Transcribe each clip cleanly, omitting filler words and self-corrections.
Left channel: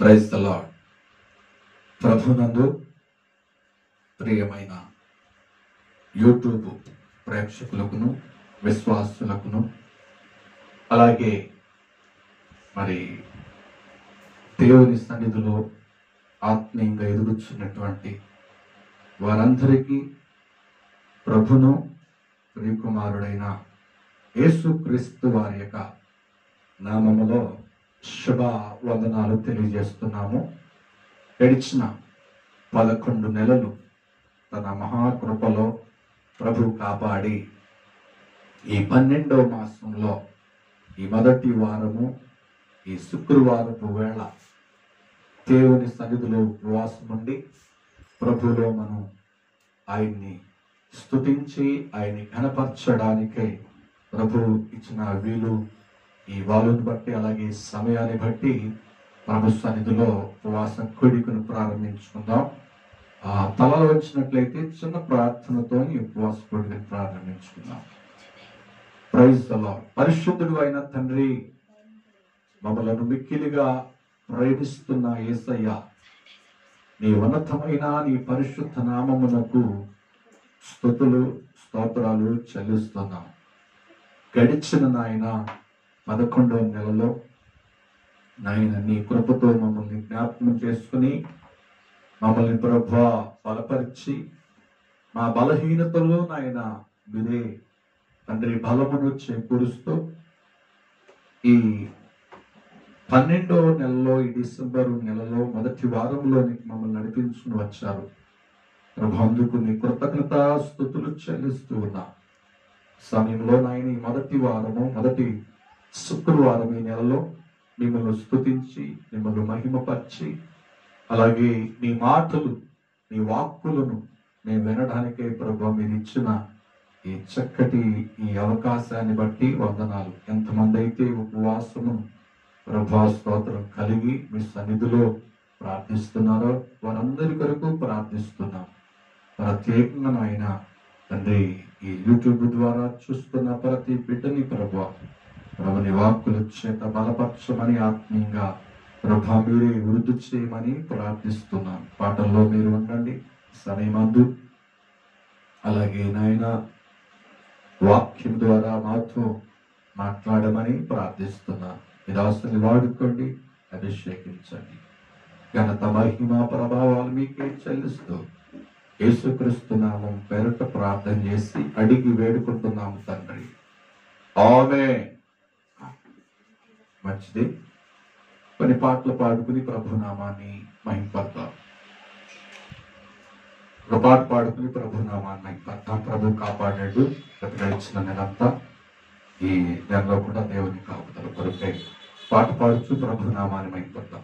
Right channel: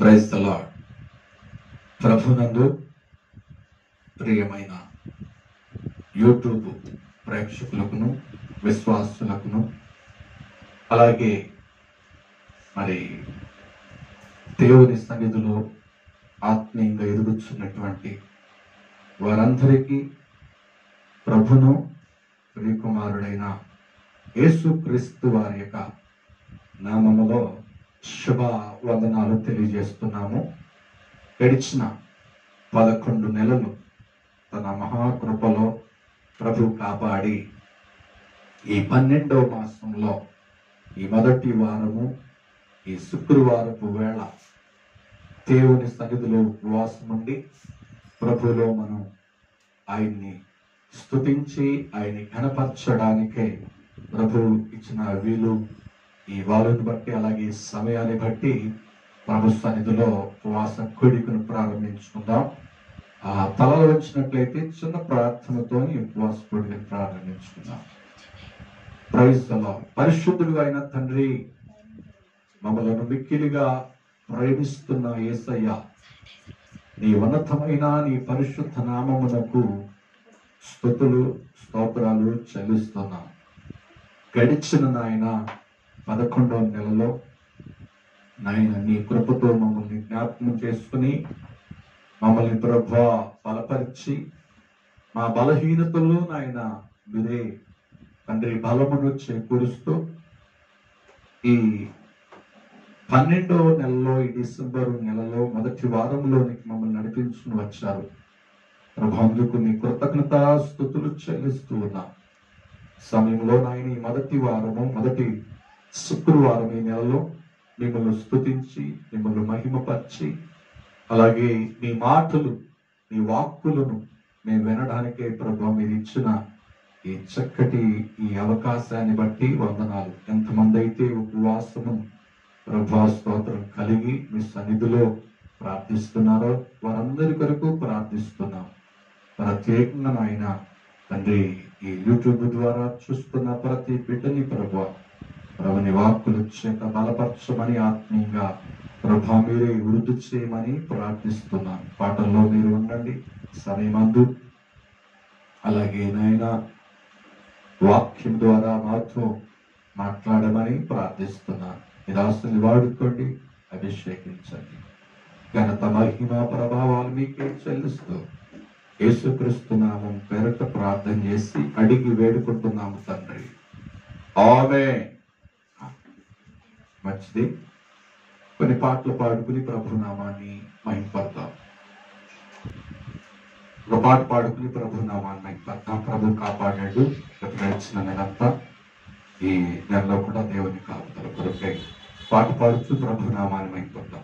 Praise the lord. ప్రభునందు ప్రియమైన YouTube ప్రేక్షకులకును విశ్వాసులకును అలాగే మరి దేవుని సన్నిధిలో ఆత్మీయంగా ఎదుగుతున్నటువంటి వారందరికీ ప్రభును ప్రియకుమారుడైన యేసుక్రీస్తు వారి యొక్క నామములో శుభ వందనాలు తెలియజేస్తున్నాము. గడిచిన 11 నెలలు తన మహాకృపలో ప్రభు కాపాడి ఈ 12వ మాసంలో ఈ మొదటి వారము ఈ శుక్రవారపు వేళ దేవుని సన్నిధిలో ఉపవాసం ఉండి ప్రభులో మనం ఆయన్ని స్తుతించి ఆయన్ని ఘనపరచడానికే ప్రభు ఇచ్చిన వీలు ఈ వాలుని బట్టి అలాగే సమయాన్ని బట్టి ప్రభు సన్నిధిలో ఉపవాస కూడికను ప్రారంభించుకుందాం. తలలో వచ్చినట్లయితే చిన్న ప్రార్థనతో ఈ ఉపవాస కూడికను ప్రారంభించుకుందాం. Praise the Lord. పరిశుద్ధుడు అయిన తండ్రి, మమ్మలను మిక్కిలిగా ప్రేమిస్తున్న యేసయ్య, నీ ఉన్నతమైన నీ పరిశుద్ధ నామమునకు స్తుతులు స్తోత్రాలు చెల్లిస్తున్నాం. గడిచిన నాయన 11వ నెలలో నాయన నీ కృపతో మమ్మల్ని జ్ఞాపకం చేసుకుని మమ్మల్ని ప్రభువా బలపరిచి మా బలహీనతలో నాయన మీరే తండ్రి బలమును చేకూరుస్తూ ఈ 12వ నెలలో ఈ డిసెంబర్ నెలలో మొదటి వారంలోనికి మమ్మల్ని నడిపించుకుని వచ్చారు ప్రభు. అందుకు నీ కృతజ్ఞతాస్తుతులు చెల్లిస్తూ ఉన్నా. సమయంలో నాయన ఈ మొదటి వారము మొదటి శుక్రవారం ఈ నెలలో మిమ్మల్ని స్తుతించి మిమ్మల్ని మహిమపరిచి అలాగే మీ మాటలు మీ వాక్కులను మేము వినడానికే ప్రభు మీరు ఇచ్చిన ఈ చక్కటి ఈ అవకాశాన్ని బట్టి వందనాలు. ఎంతమంది అయితే ఉపవాసము ప్రభా స్తోత్రం కలిగి మీ సన్నిధిలో ప్రార్థిస్తున్నారో వారందరి కొరకు ప్రార్థిస్తున్నాం. ప్రత్యేకంగా నాయన తండ్రి ఈ యూట్యూబ్ ద్వారా చూస్తున్న ప్రతి బిడ్డని ప్రభుని వాక్కుల చేత బలపరచమని ఆత్మీయంగా ప్రభా మీరే వృద్ధి చేయమని ప్రార్థిస్తున్నాను. పాటల్లో మీరు ఉండండి సమయమందు. అలాగే నాయన వాక్యం ద్వారా మాతో మాట్లాడమని ప్రార్థిస్తున్నాను. నిరాశని వాడుకోండి, అభిషేకించండి. ఘనత మహిమ ప్రభావాలు మీకే చెల్లిస్తూ యేసుక్రీస్తు నామం పేరట ప్రార్థన చేసి అడిగి వేడుకుంటున్నాము తండ్రి, ఆమేన్. మంచిది. కొన్ని పాటలు పాడుకుని ప్రభు నామాన్ని మహిమపడతాం. ఒక పాట పాడుకుని ప్రభు నామాన్ని మహిమపడతాం. ప్రభు కాపాడాడు గడిచిన నెలంతా. ఈ నెలలో కూడా దేవుని కాపుదల కొరకై పాట పాడుతూ ప్రభు నామాన్ని మహిమపడతాం.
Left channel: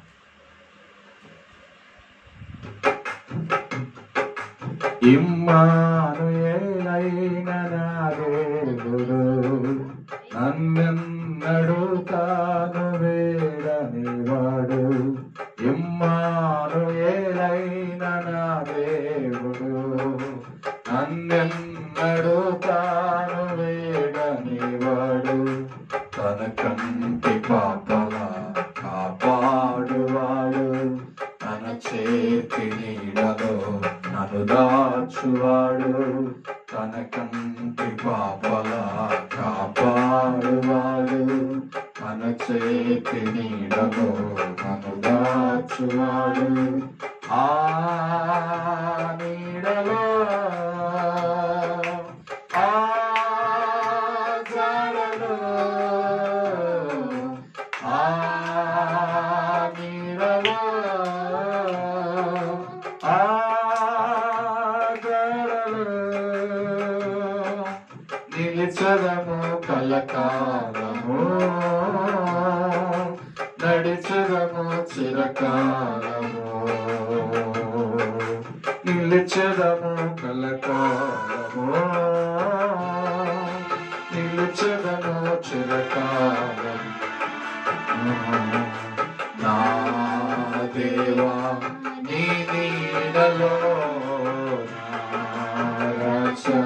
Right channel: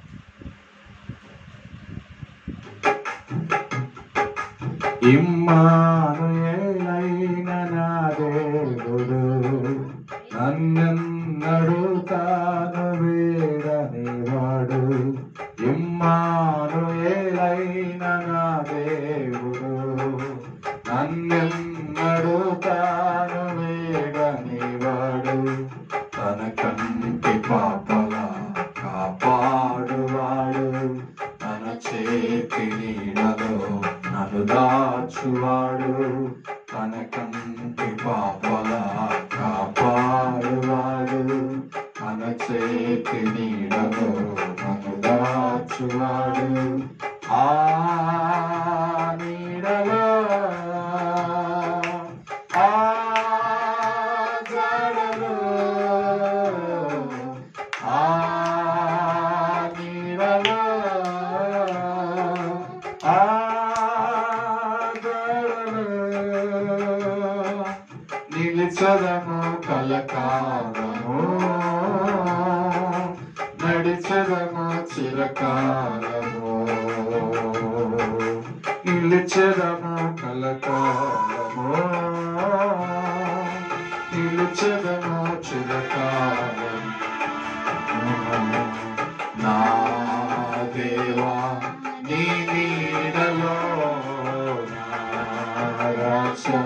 ఇమ్మానుయేలైన నా దేవుడు నన్నెన్నడూ తాను వేడనివాడు. ఇమ్మానుయేలైన నా దేవుడు నన్నెన్నడూ తాను వేడనివాడు. తన కంటి పాపలా కాపాడువాడు, తన చేతి నీడలో నన్ను దాచువాడు. తన కంటి పాపలా కాపాడువాడు, తన చేతి నీడలో నన్ను దాచువాడు. ఆ నీడలో ఆ జాడలో ఆ నీడలో ఆ నిలిచదము కలకాలము, నడిచదము చిరకాలము. నిలిచదము కలకాలము, నిలిచదము చిరకాలము. నా దేవా నీ నీడలో నా రాజా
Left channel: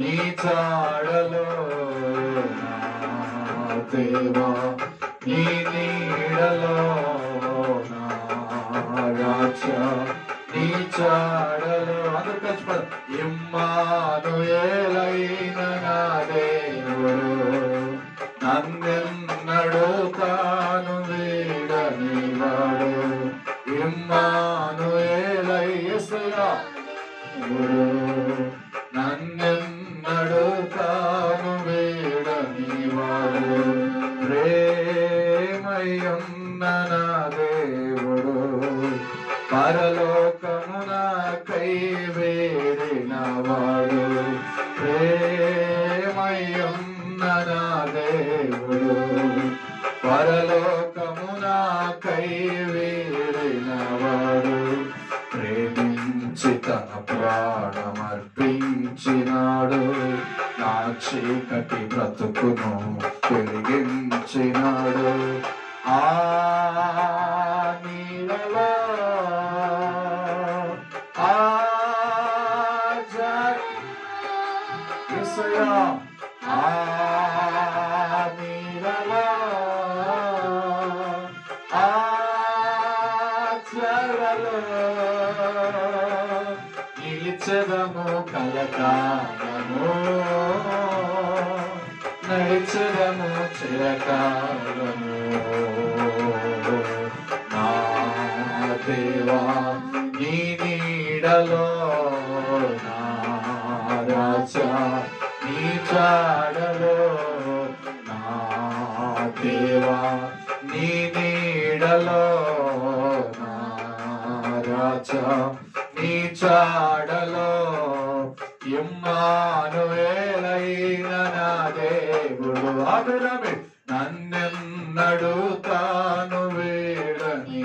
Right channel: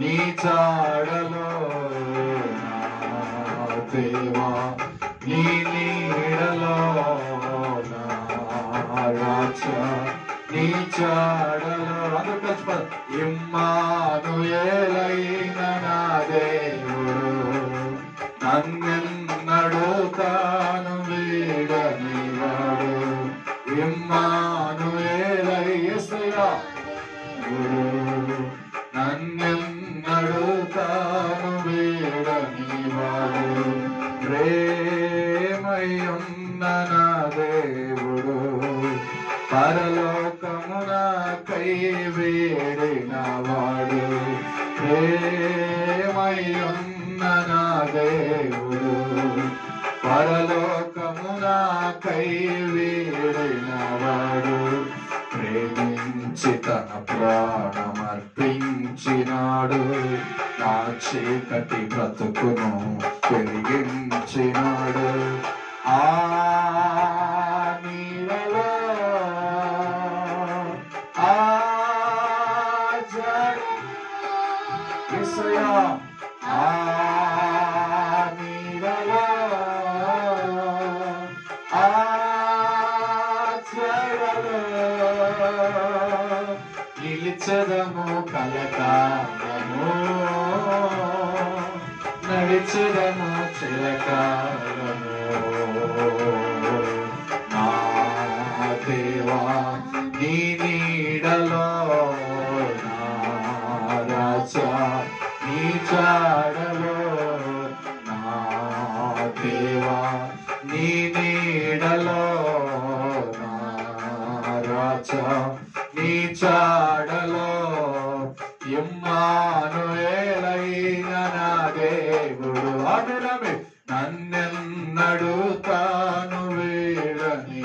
నీ చాడలో నా దేవా నీ నీడలో నా నీ చాడలో అందరూ కలిసిపోదు. ఇమ్మానుయేలైన నా దేవుడు నన్నెన్నడూ తాను వీడని వాడు. ఇమ్మానుయేలయ్యా నన్నెన్నడూ తాను వీడని వాడు. ప్రేమయున్న నా దేవుడు పరలోకమునకై వేడిన వాడు. ప్రేమయున్న నా దేవుడు పరలోకమునకై వేడిన వాడు. ప్రేమించి తన ప్రాణమర్పించినాడు. నా చీకటి బ్రతుకును వెలిగించినాడు. ఆ నీడలో ఆ యేసయ్యా ఆ నీడలో ఆ చెరలో నిలిచెదము కలకాలము. నడిచెదము చిరకాలము. నా దేవా నీ నీడలో నా రాజా నీ చాడలో నా దేవా నీ నీడలో నా రాజా నీ చాడలో. ఇమ్మానుయేలైన నా దేవుడు అభిరామి నన్నెన్నడూ తాను వీడని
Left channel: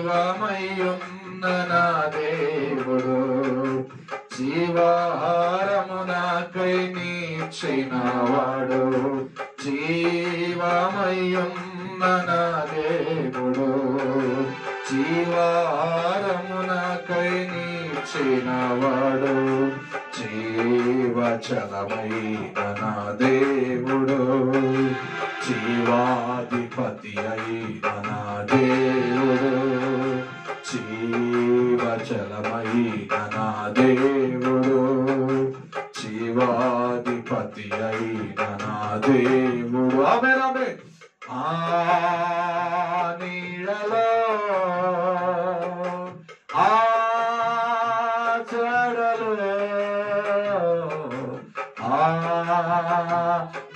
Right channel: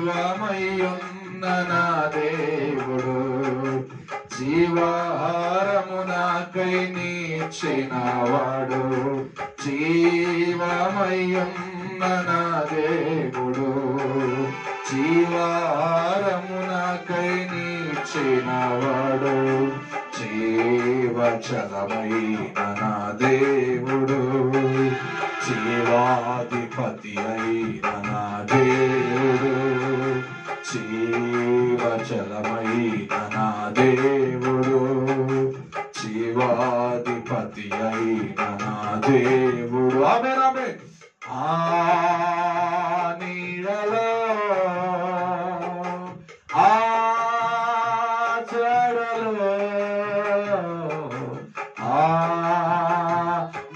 జీవమయున్న నా దేవుడు. జీవాహారము నాకై నీచినవాడు. జీవమయున్న నా దేవుడు జీవాహారము నాకై నీచినవాడు. జీవచలమైన నా దేవుడు జీవాధిపతి అయిన నా దేవుడు. జీవచలమైన నా దేవుడు జీవాధిపతి అయిన నా దేవుడు. ఆమేన్ ఆమేన్. ఆ నీడలో ఆ చెరలో ఆ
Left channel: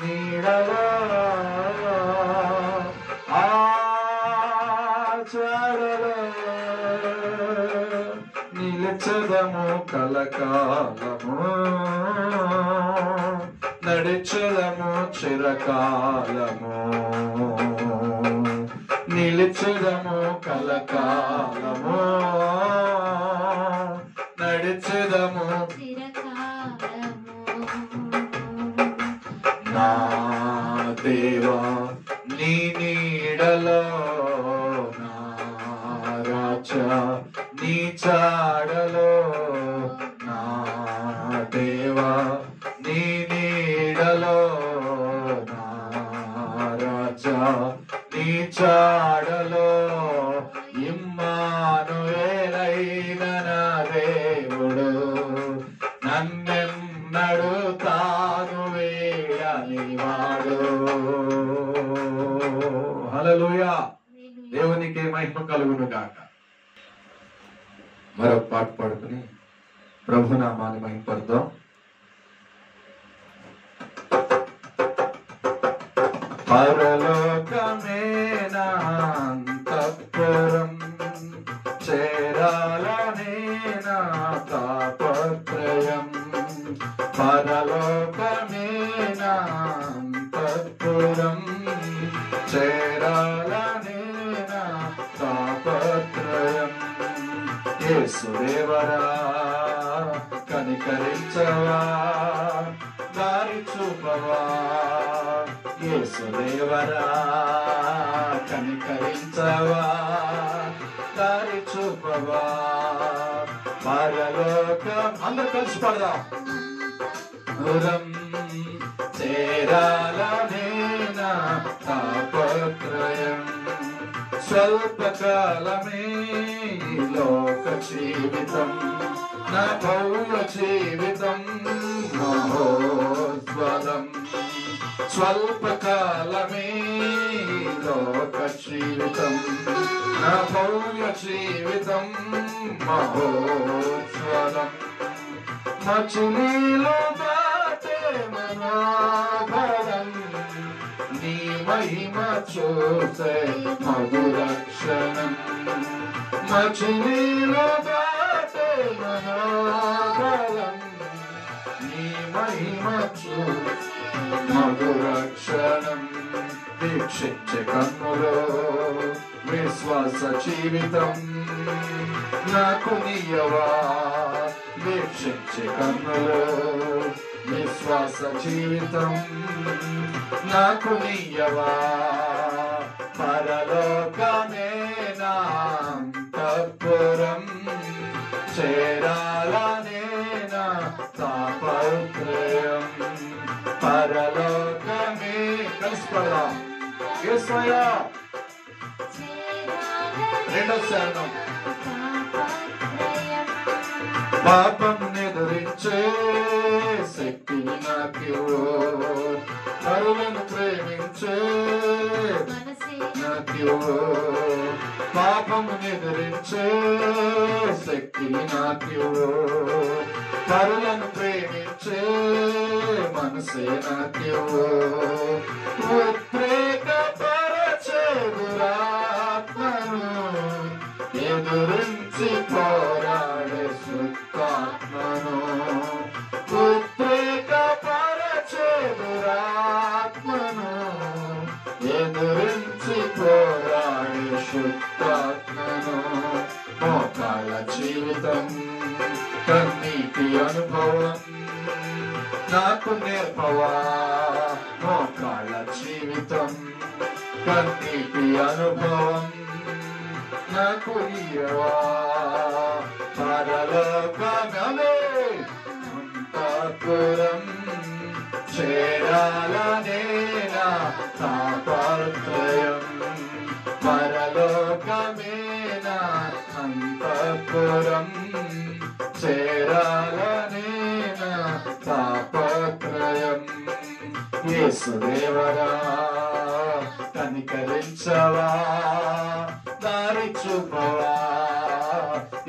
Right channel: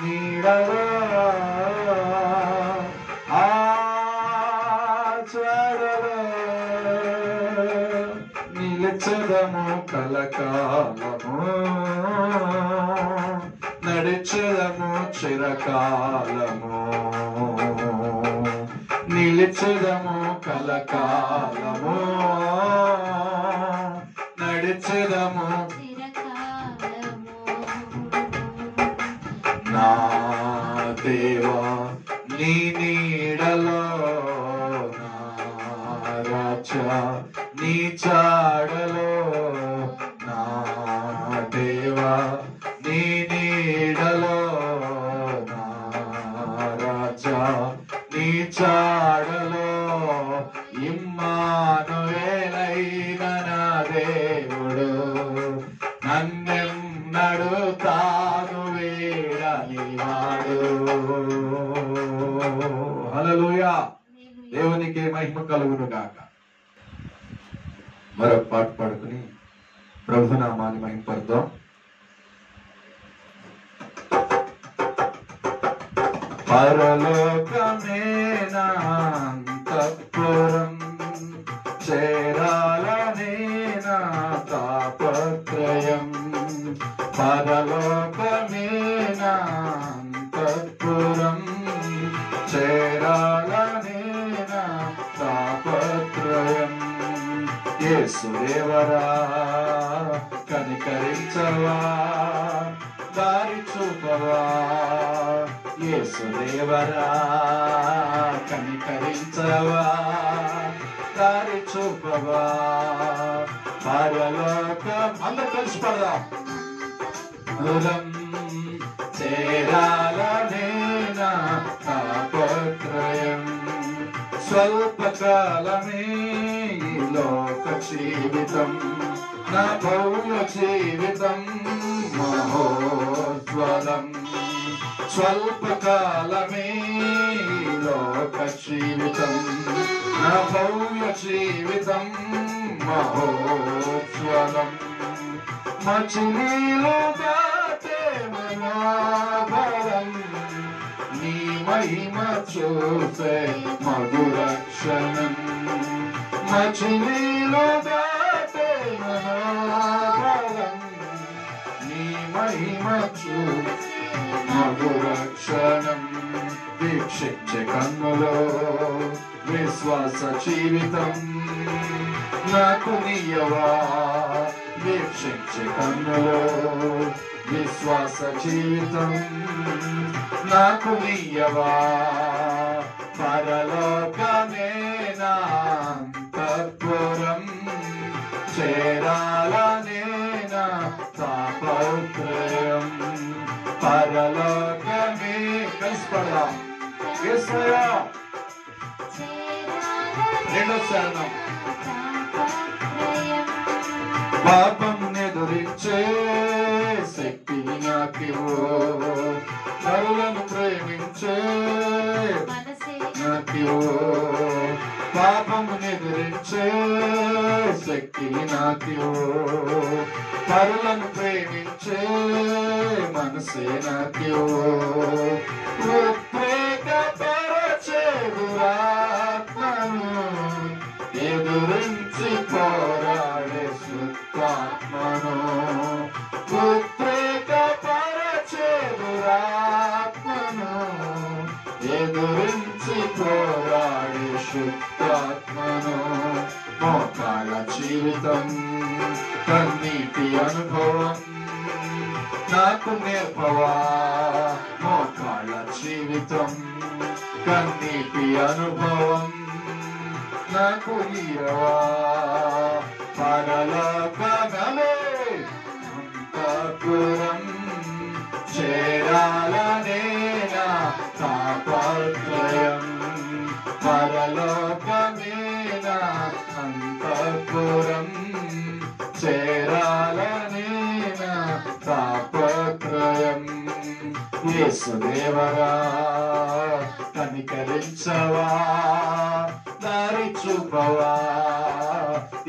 నీడలో ఆ చెరలో నిలిచెదము కలకాలము. నడిచెదము చిరకాలము. నిలిచెదము కలకాలము. నడిచెదము నా దేవా నీ నీడలో నా రాజా నీ చాడలో నా దేవా నీ నీడలో నా రాజా నీ చాడలో. ఇమ్మానుయేలైన నా దేవుడు నన్నెన్నడూ తాను వీడని వాడు. హల్లెలూయా. దేవునికి మహిమ కలుగును గాక. మరొక పాట పాడుకుని ప్రభునామాన్ని మహిమపడదాం. పరలోకమే నా అంతఃపురం చేరాలనే నా తాపత్రయం. పరలోకమే నా అంతఃపురం చేరాలనే నా తాపత్రయం. యేసుదేవరా కనికరించవా దారి చూపవా. యేసుదేవరా కనికరించవా దారి చూపవా. పరలోకం అందరూ కలిసి పడదాం. దూరం చేరాలనే నా తాపత్రయం. స్వల్పకాలమే లోక జీవితం నా భవ్య జీవితం మహోజ్వలం స్వల్పకాలమే లోక జీవితం నా భవ్య జీవితం మహోజ్వలం మచిలీలో దాటే మనోహరం నీ మహిమ చూసే మధుర క్షణం మచిలీలో దాటే మనోహరం నీ మహిమ చూసే మధుర క్షణం వీక్షించే కన్నులో విశ్వాస జీవితం నాకు నీయవా వీక్షించే కన్నులో విశ్వాస జీవితం నాకు నీయవా పరలోకమే నా అంతఃపురం చేరాలనే నా తాపత్రయం పరలోకమే కలిసిపడదాం యేసయ్యా రెండో శానం పాపం ఎదురించే శక్తిని నాకివ్వు నరులను ప్రేమించే నాకివ్వు పాపం ఎదురించే శక్తిని నాకివ్వు నరులను ప్రేమించే మనసే నాకివ్వు ఉద్రేకపరచే దురాత్మను ఎదురించి పోరాడే శుద్ధాత్మను ఉద్రేకపరచే దురాత్మను ఎదురించి పోరాడే శుద్ధాత్మను మోకాళ్ళ జీవితం కన్నీటి అనుభవం నాకు నేర్పవా మోకాళ్ళ జీవితం కన్నీటి అనుభవం నాకు ఇయ్యవా పరలోకమే అంతఃపురం చేరాలనే నా తాపత్రయం పరలోకమే నా అంతఃపురం చేరాలనే నా తాపత్రయం యేసుదేవరా కనికరించవా దారి చూపవా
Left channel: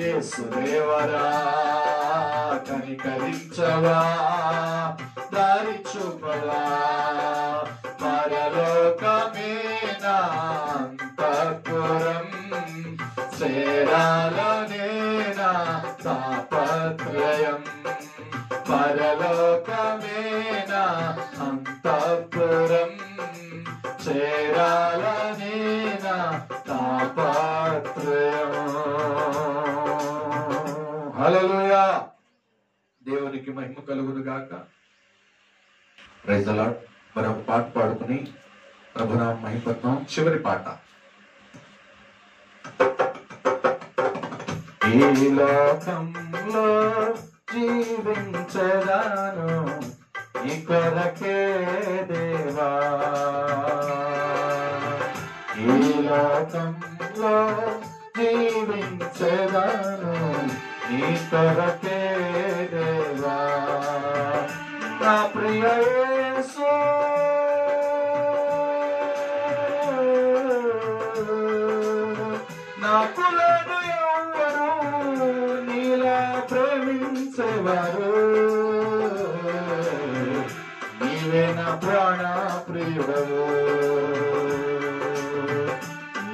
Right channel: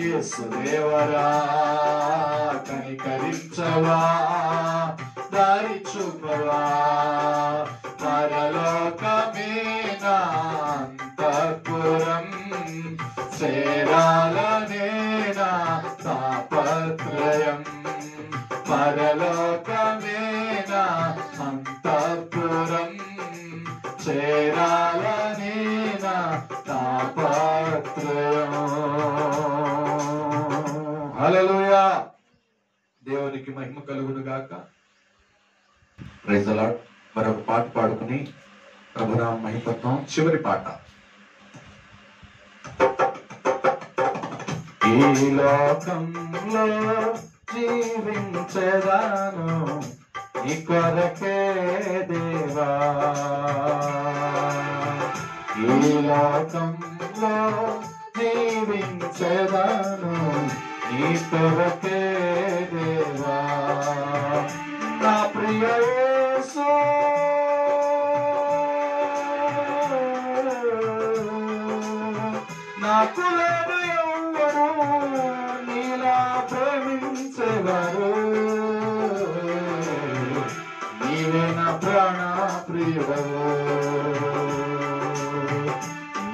యేసుదేవరా కనికరించవా దారి చూపవా పరలోకమే నా అంతఃపురం చేరాలనే నా తాపత్రయం పరలోకమే నా అంతఃపురం చేరాలనే నా తాపత్రయం హల్లెలూయా దేవునికి మహిమ కలుగును గాక ప్రైజ్ ది లార్డ్ మరొక పాట పాడుకుని ప్రభునామ మహిమపడతాం చివరి పాట ఈ లోకంలో జీవించదాను నీ కొరకే దేవా ఈ లోకంలో జీవించదాను నీ కొరకే దేవా నా ప్రియ యేసు నాకు లేదు ఎవ్వరు నీలా ప్రేమించేవారు నీవే నా ప్రాణ ప్రియుడవు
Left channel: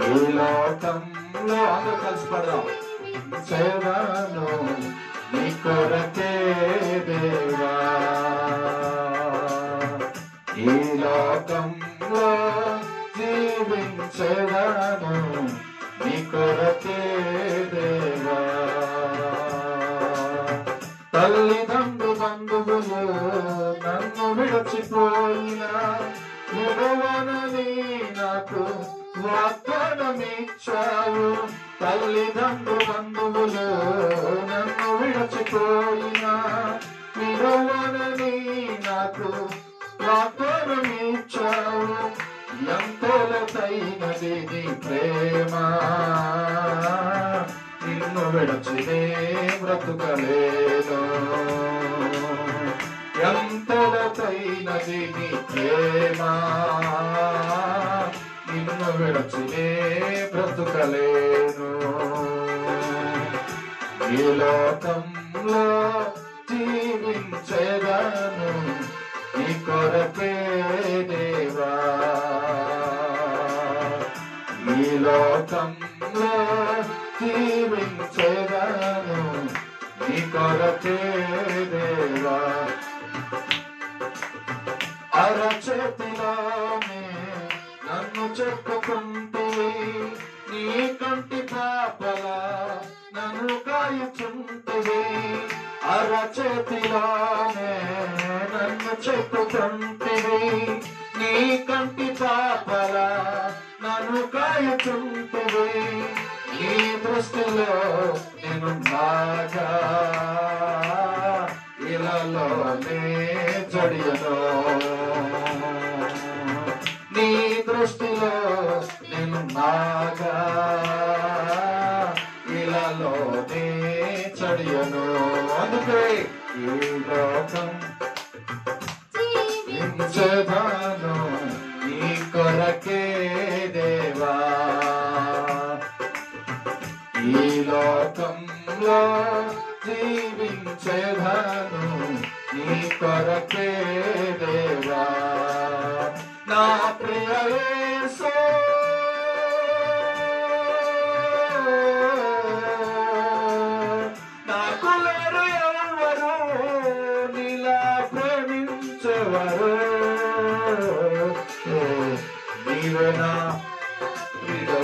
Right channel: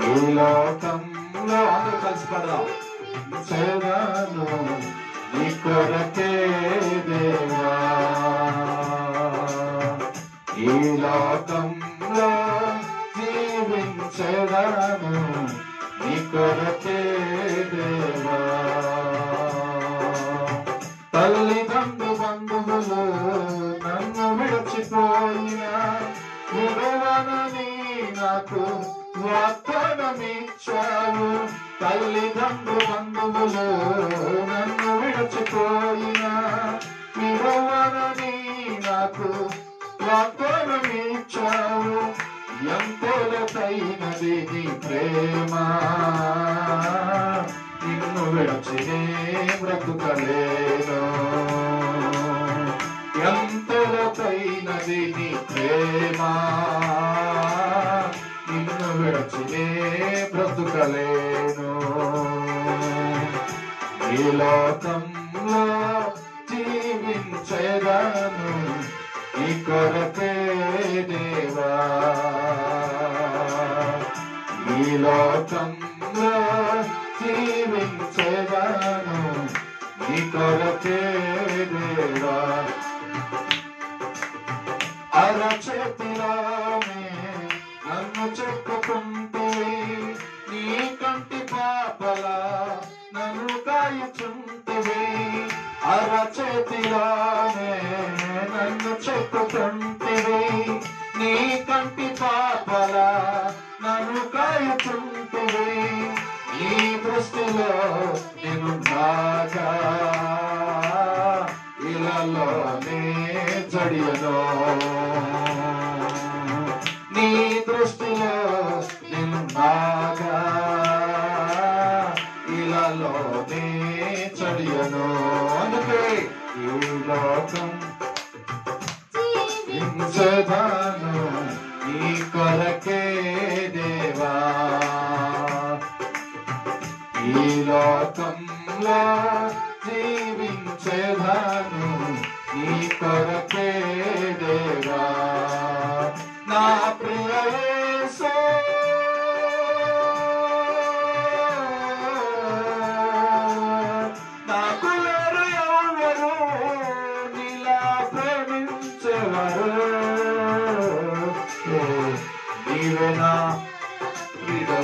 ఈ లోకంలో అందరూ కలిసి పడదాం చేరాను నీ కొరకే దేవా ఈ లోకంలో జీవించేదాను నీ కొరకే దేవా తల్లిదండ్రు బంధువులు నన్ను విడిచిపోయినా విడవనని నాకు వాగ్దానమిచ్చావు తల్లిదండ్రు బంధువులు నన్ను విడిచిపోయినా విడవనని నాకు వాగ్దానమిచ్చావు ఎంతో లోతైనది నీ ప్రేమ నిన్ను విడచినే బ్రతుకలేను. ఎంతైనది నీ ప్రేమ, నిన్ను విడచినే బ్రతుకలేను. ఈ లోకంలో జీవించేదను నీ కొరకే దేవా. ఈ లోకంలో జీవించేదను నీ కొరకే దేవా. అరచేతిలోనే నన్ను చెక్కుకుంటే నీ కంటి పాపలా నన్ను కాయుచుంటివి. అరచేతిలోనే నన్ను చెక్కుకుంటివి, నీ కంటి పాపలా నన్ను కాయుచుంటివి. నీ దృష్టిలో నేను నాగా ఇలాలోనే జడియను. నీ దృష్టిలో నేను నాగా ఇలాలోనే జడియను. అందుకే ఈ లోకం జీవించేదాను నీ కొరకే దేవా. ఈ లోకంలో జీవించేదాను నీ కొరకే దేవా. నా ప్రియ యేసు నాకు లేరు ఎవరు నీలా ప్రేమించేవారు. నీవే నా ప్రియుడు.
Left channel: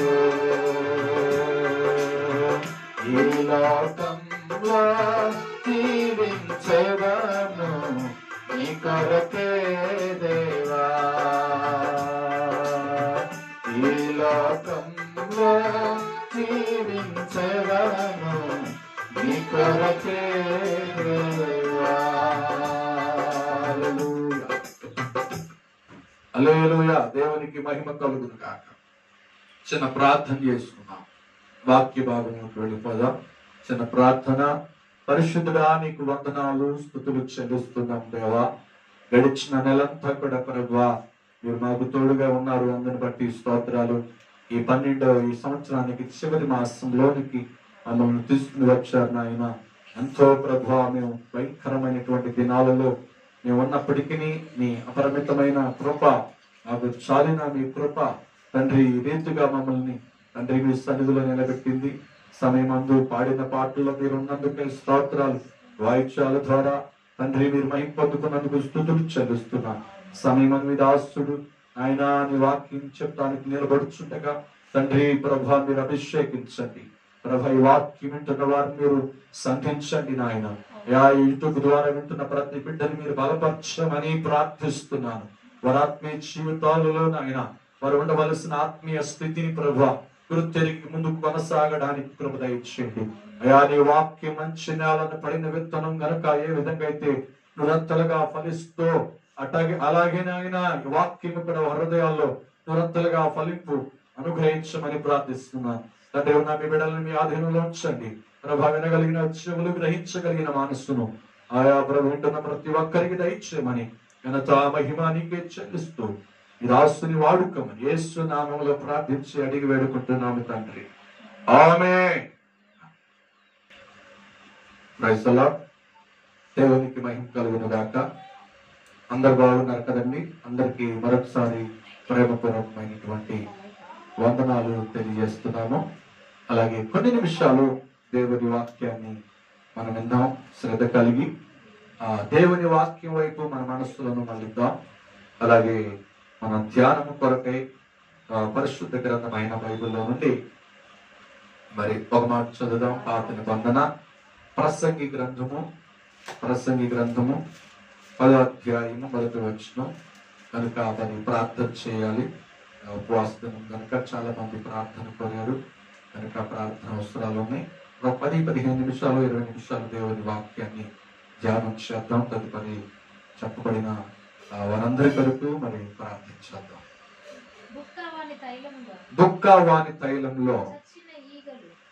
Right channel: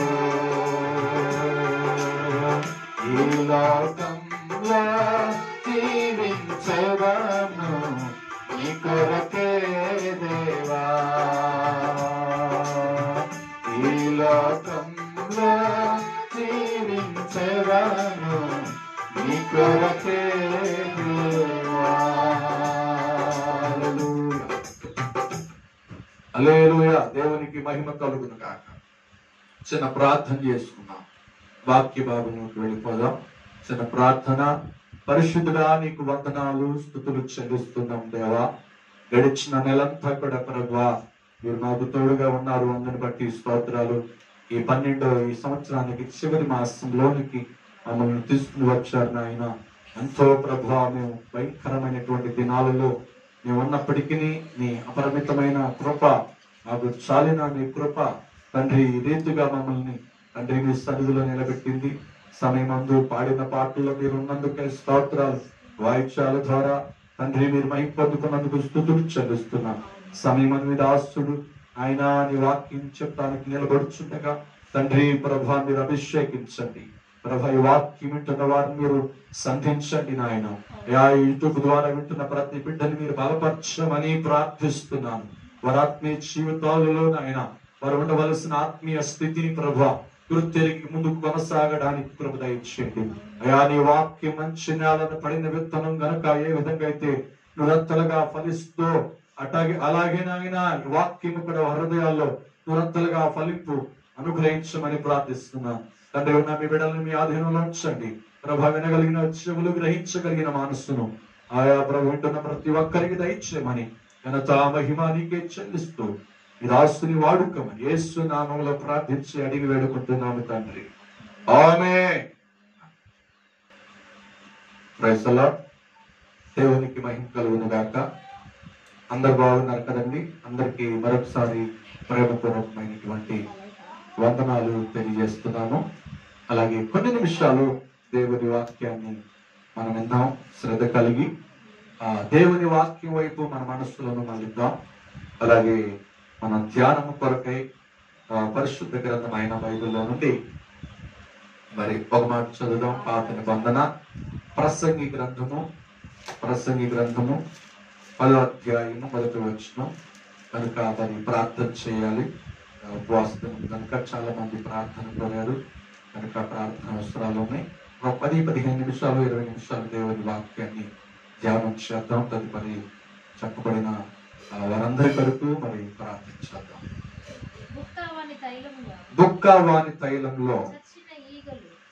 ఈ లోకంలో జీవించేదను నీ కొరకే దేవా. ఈ లోకంలో జీవించేదను నీ కొరకే దేవా. హల్లెలూయా. దేవునికి మహిమ కలుగును గాక. చిన్న ప్రార్థన చేసుకున్నాం. వాక్య భాగంలోకి వెళ్ళిపోదాం. చిన్న ప్రార్థన. పరిశుద్ధుడా నీకు వందనాలు స్తుతులు చెల్లిస్తున్నాం దేవా. గడిచిన నెలంతా కూడా ప్రభువా మీరు నాకు తోడుగా ఉన్నారు. అందుని బట్టి స్తోత్రాలు. ఈ 12వ ఈ సంవత్సరానికి చివరి మాసంలోనికి మమ్మల్ని తీసుకుని వచ్చారు నాయన. ఎంతో ప్రభువా మేము భయంకరమైనటువంటి దినాలలో మేము ఉన్నప్పటికీ నీ అపరిమితమైన కృప మాకు చాలిన మీ కృప తండ్రి ఈ రీతిగా మమ్మల్ని తండ్రి మీ సన్నిధిలో నిలబెట్టింది. సమయమందు పాడిన పాటల్లో మీరు ఉన్నందుకే స్తోత్రాలు. వాయిద్యాల ద్వారా తండ్రి మీరు మహిమ పొందుకున్నందుకు స్తుతులు చెల్లిస్తున్నాను. సమయమందు మీ దాసుడు ఆయన నీ వాక్యం చెప్పడానికి నిలబడుచుండగా తండ్రి ప్రభా మీరు అభిషేకించండి. ప్రభా ఈ వాక్యం వింటున్న వారిని మీరు సంధించండి నాయన. యూట్యూబ్ ద్వారా వింటున్న ప్రతి బిడ్డని మీరు బలపరచమని ప్రార్థిస్తున్నాను. వారి ఆత్మీయ జీవితాలలో నాయన వారు ఉండవలసిన ఆత్మీయ స్థితిని ప్రభా గుర్తెరిగి ముందుకు కొనసాగడానికి కృప దయచేయండి. అయా నీ వాక్యం మంచి నేలను పడిన విత్తనం గనుక ఏ విధంగా అయితే నిరంతలుగా ఫలిస్తూ అలాగే నాయన వాక్యం కూడా హృదయాల్లో నిరంతలుగా ఫలింపు అనుగ్రహించమని ప్రార్థిస్తున్నాను. తండ్రి ఉన్న మీ బిడ్డలను మీ ఆధీనంలో ఉంచండి. ప్రభా వినగలిగిన చెవులు గ్రహించగలిగిన మనస్సును ఆయా ప్రభు వింటున్న ప్రతి ఒక్కరికి దయచేయమని ఘనత మహిమ నీకే చెల్లిస్తూ ఈ దాసుని వాడుకోమని యేసు నామములో ప్రార్థించి అడిగి వేడుకుంటున్నాము తండ్రి. ఆమేన్. Praise the Lord. దేవునికి మహిమ కలుగును గాక. అందరు బాగున్నారు కదండి. అందరికీ మరొకసారి ప్రేమపూర్వకమైనటువంటి వందనాలు తెలియజేస్తున్నాము. అలాగే కొన్ని నిమిషాలు దేవుని వాక్యాన్ని మనం విందాం. శ్రద్ధ కలిగి దేవుని వాక్యం వైపు మన మనస్సులను మళ్ళిద్దాం. అలాగే మన ధ్యానము కొరకై పరిశుద్ధ గ్రంథమైన బైబిల్లో నుండి మరి ఒక మాట చదువుదాం. పాత నిబంధన ప్రసంగి గ్రంథము 10వ అధ్యాయము 1వ వచనం కనుక మరి ప్రార్థన చేయాలి. ఉపవాసం కనుక చాలా మంది ప్రార్థన కోరారు కనుక ప్రార్థన అవసరాలు ఉన్నాయి. ఒక 10-15 నిమిషాలు 20 నిమిషాలు దేవుని వాక్యాన్ని ధ్యానం చేద్దాం. తదుపరి చెప్పబడిన వారందరి కొరకు మరి ప్రార్థించేద్దాం. బుక్కవాని తైలంలో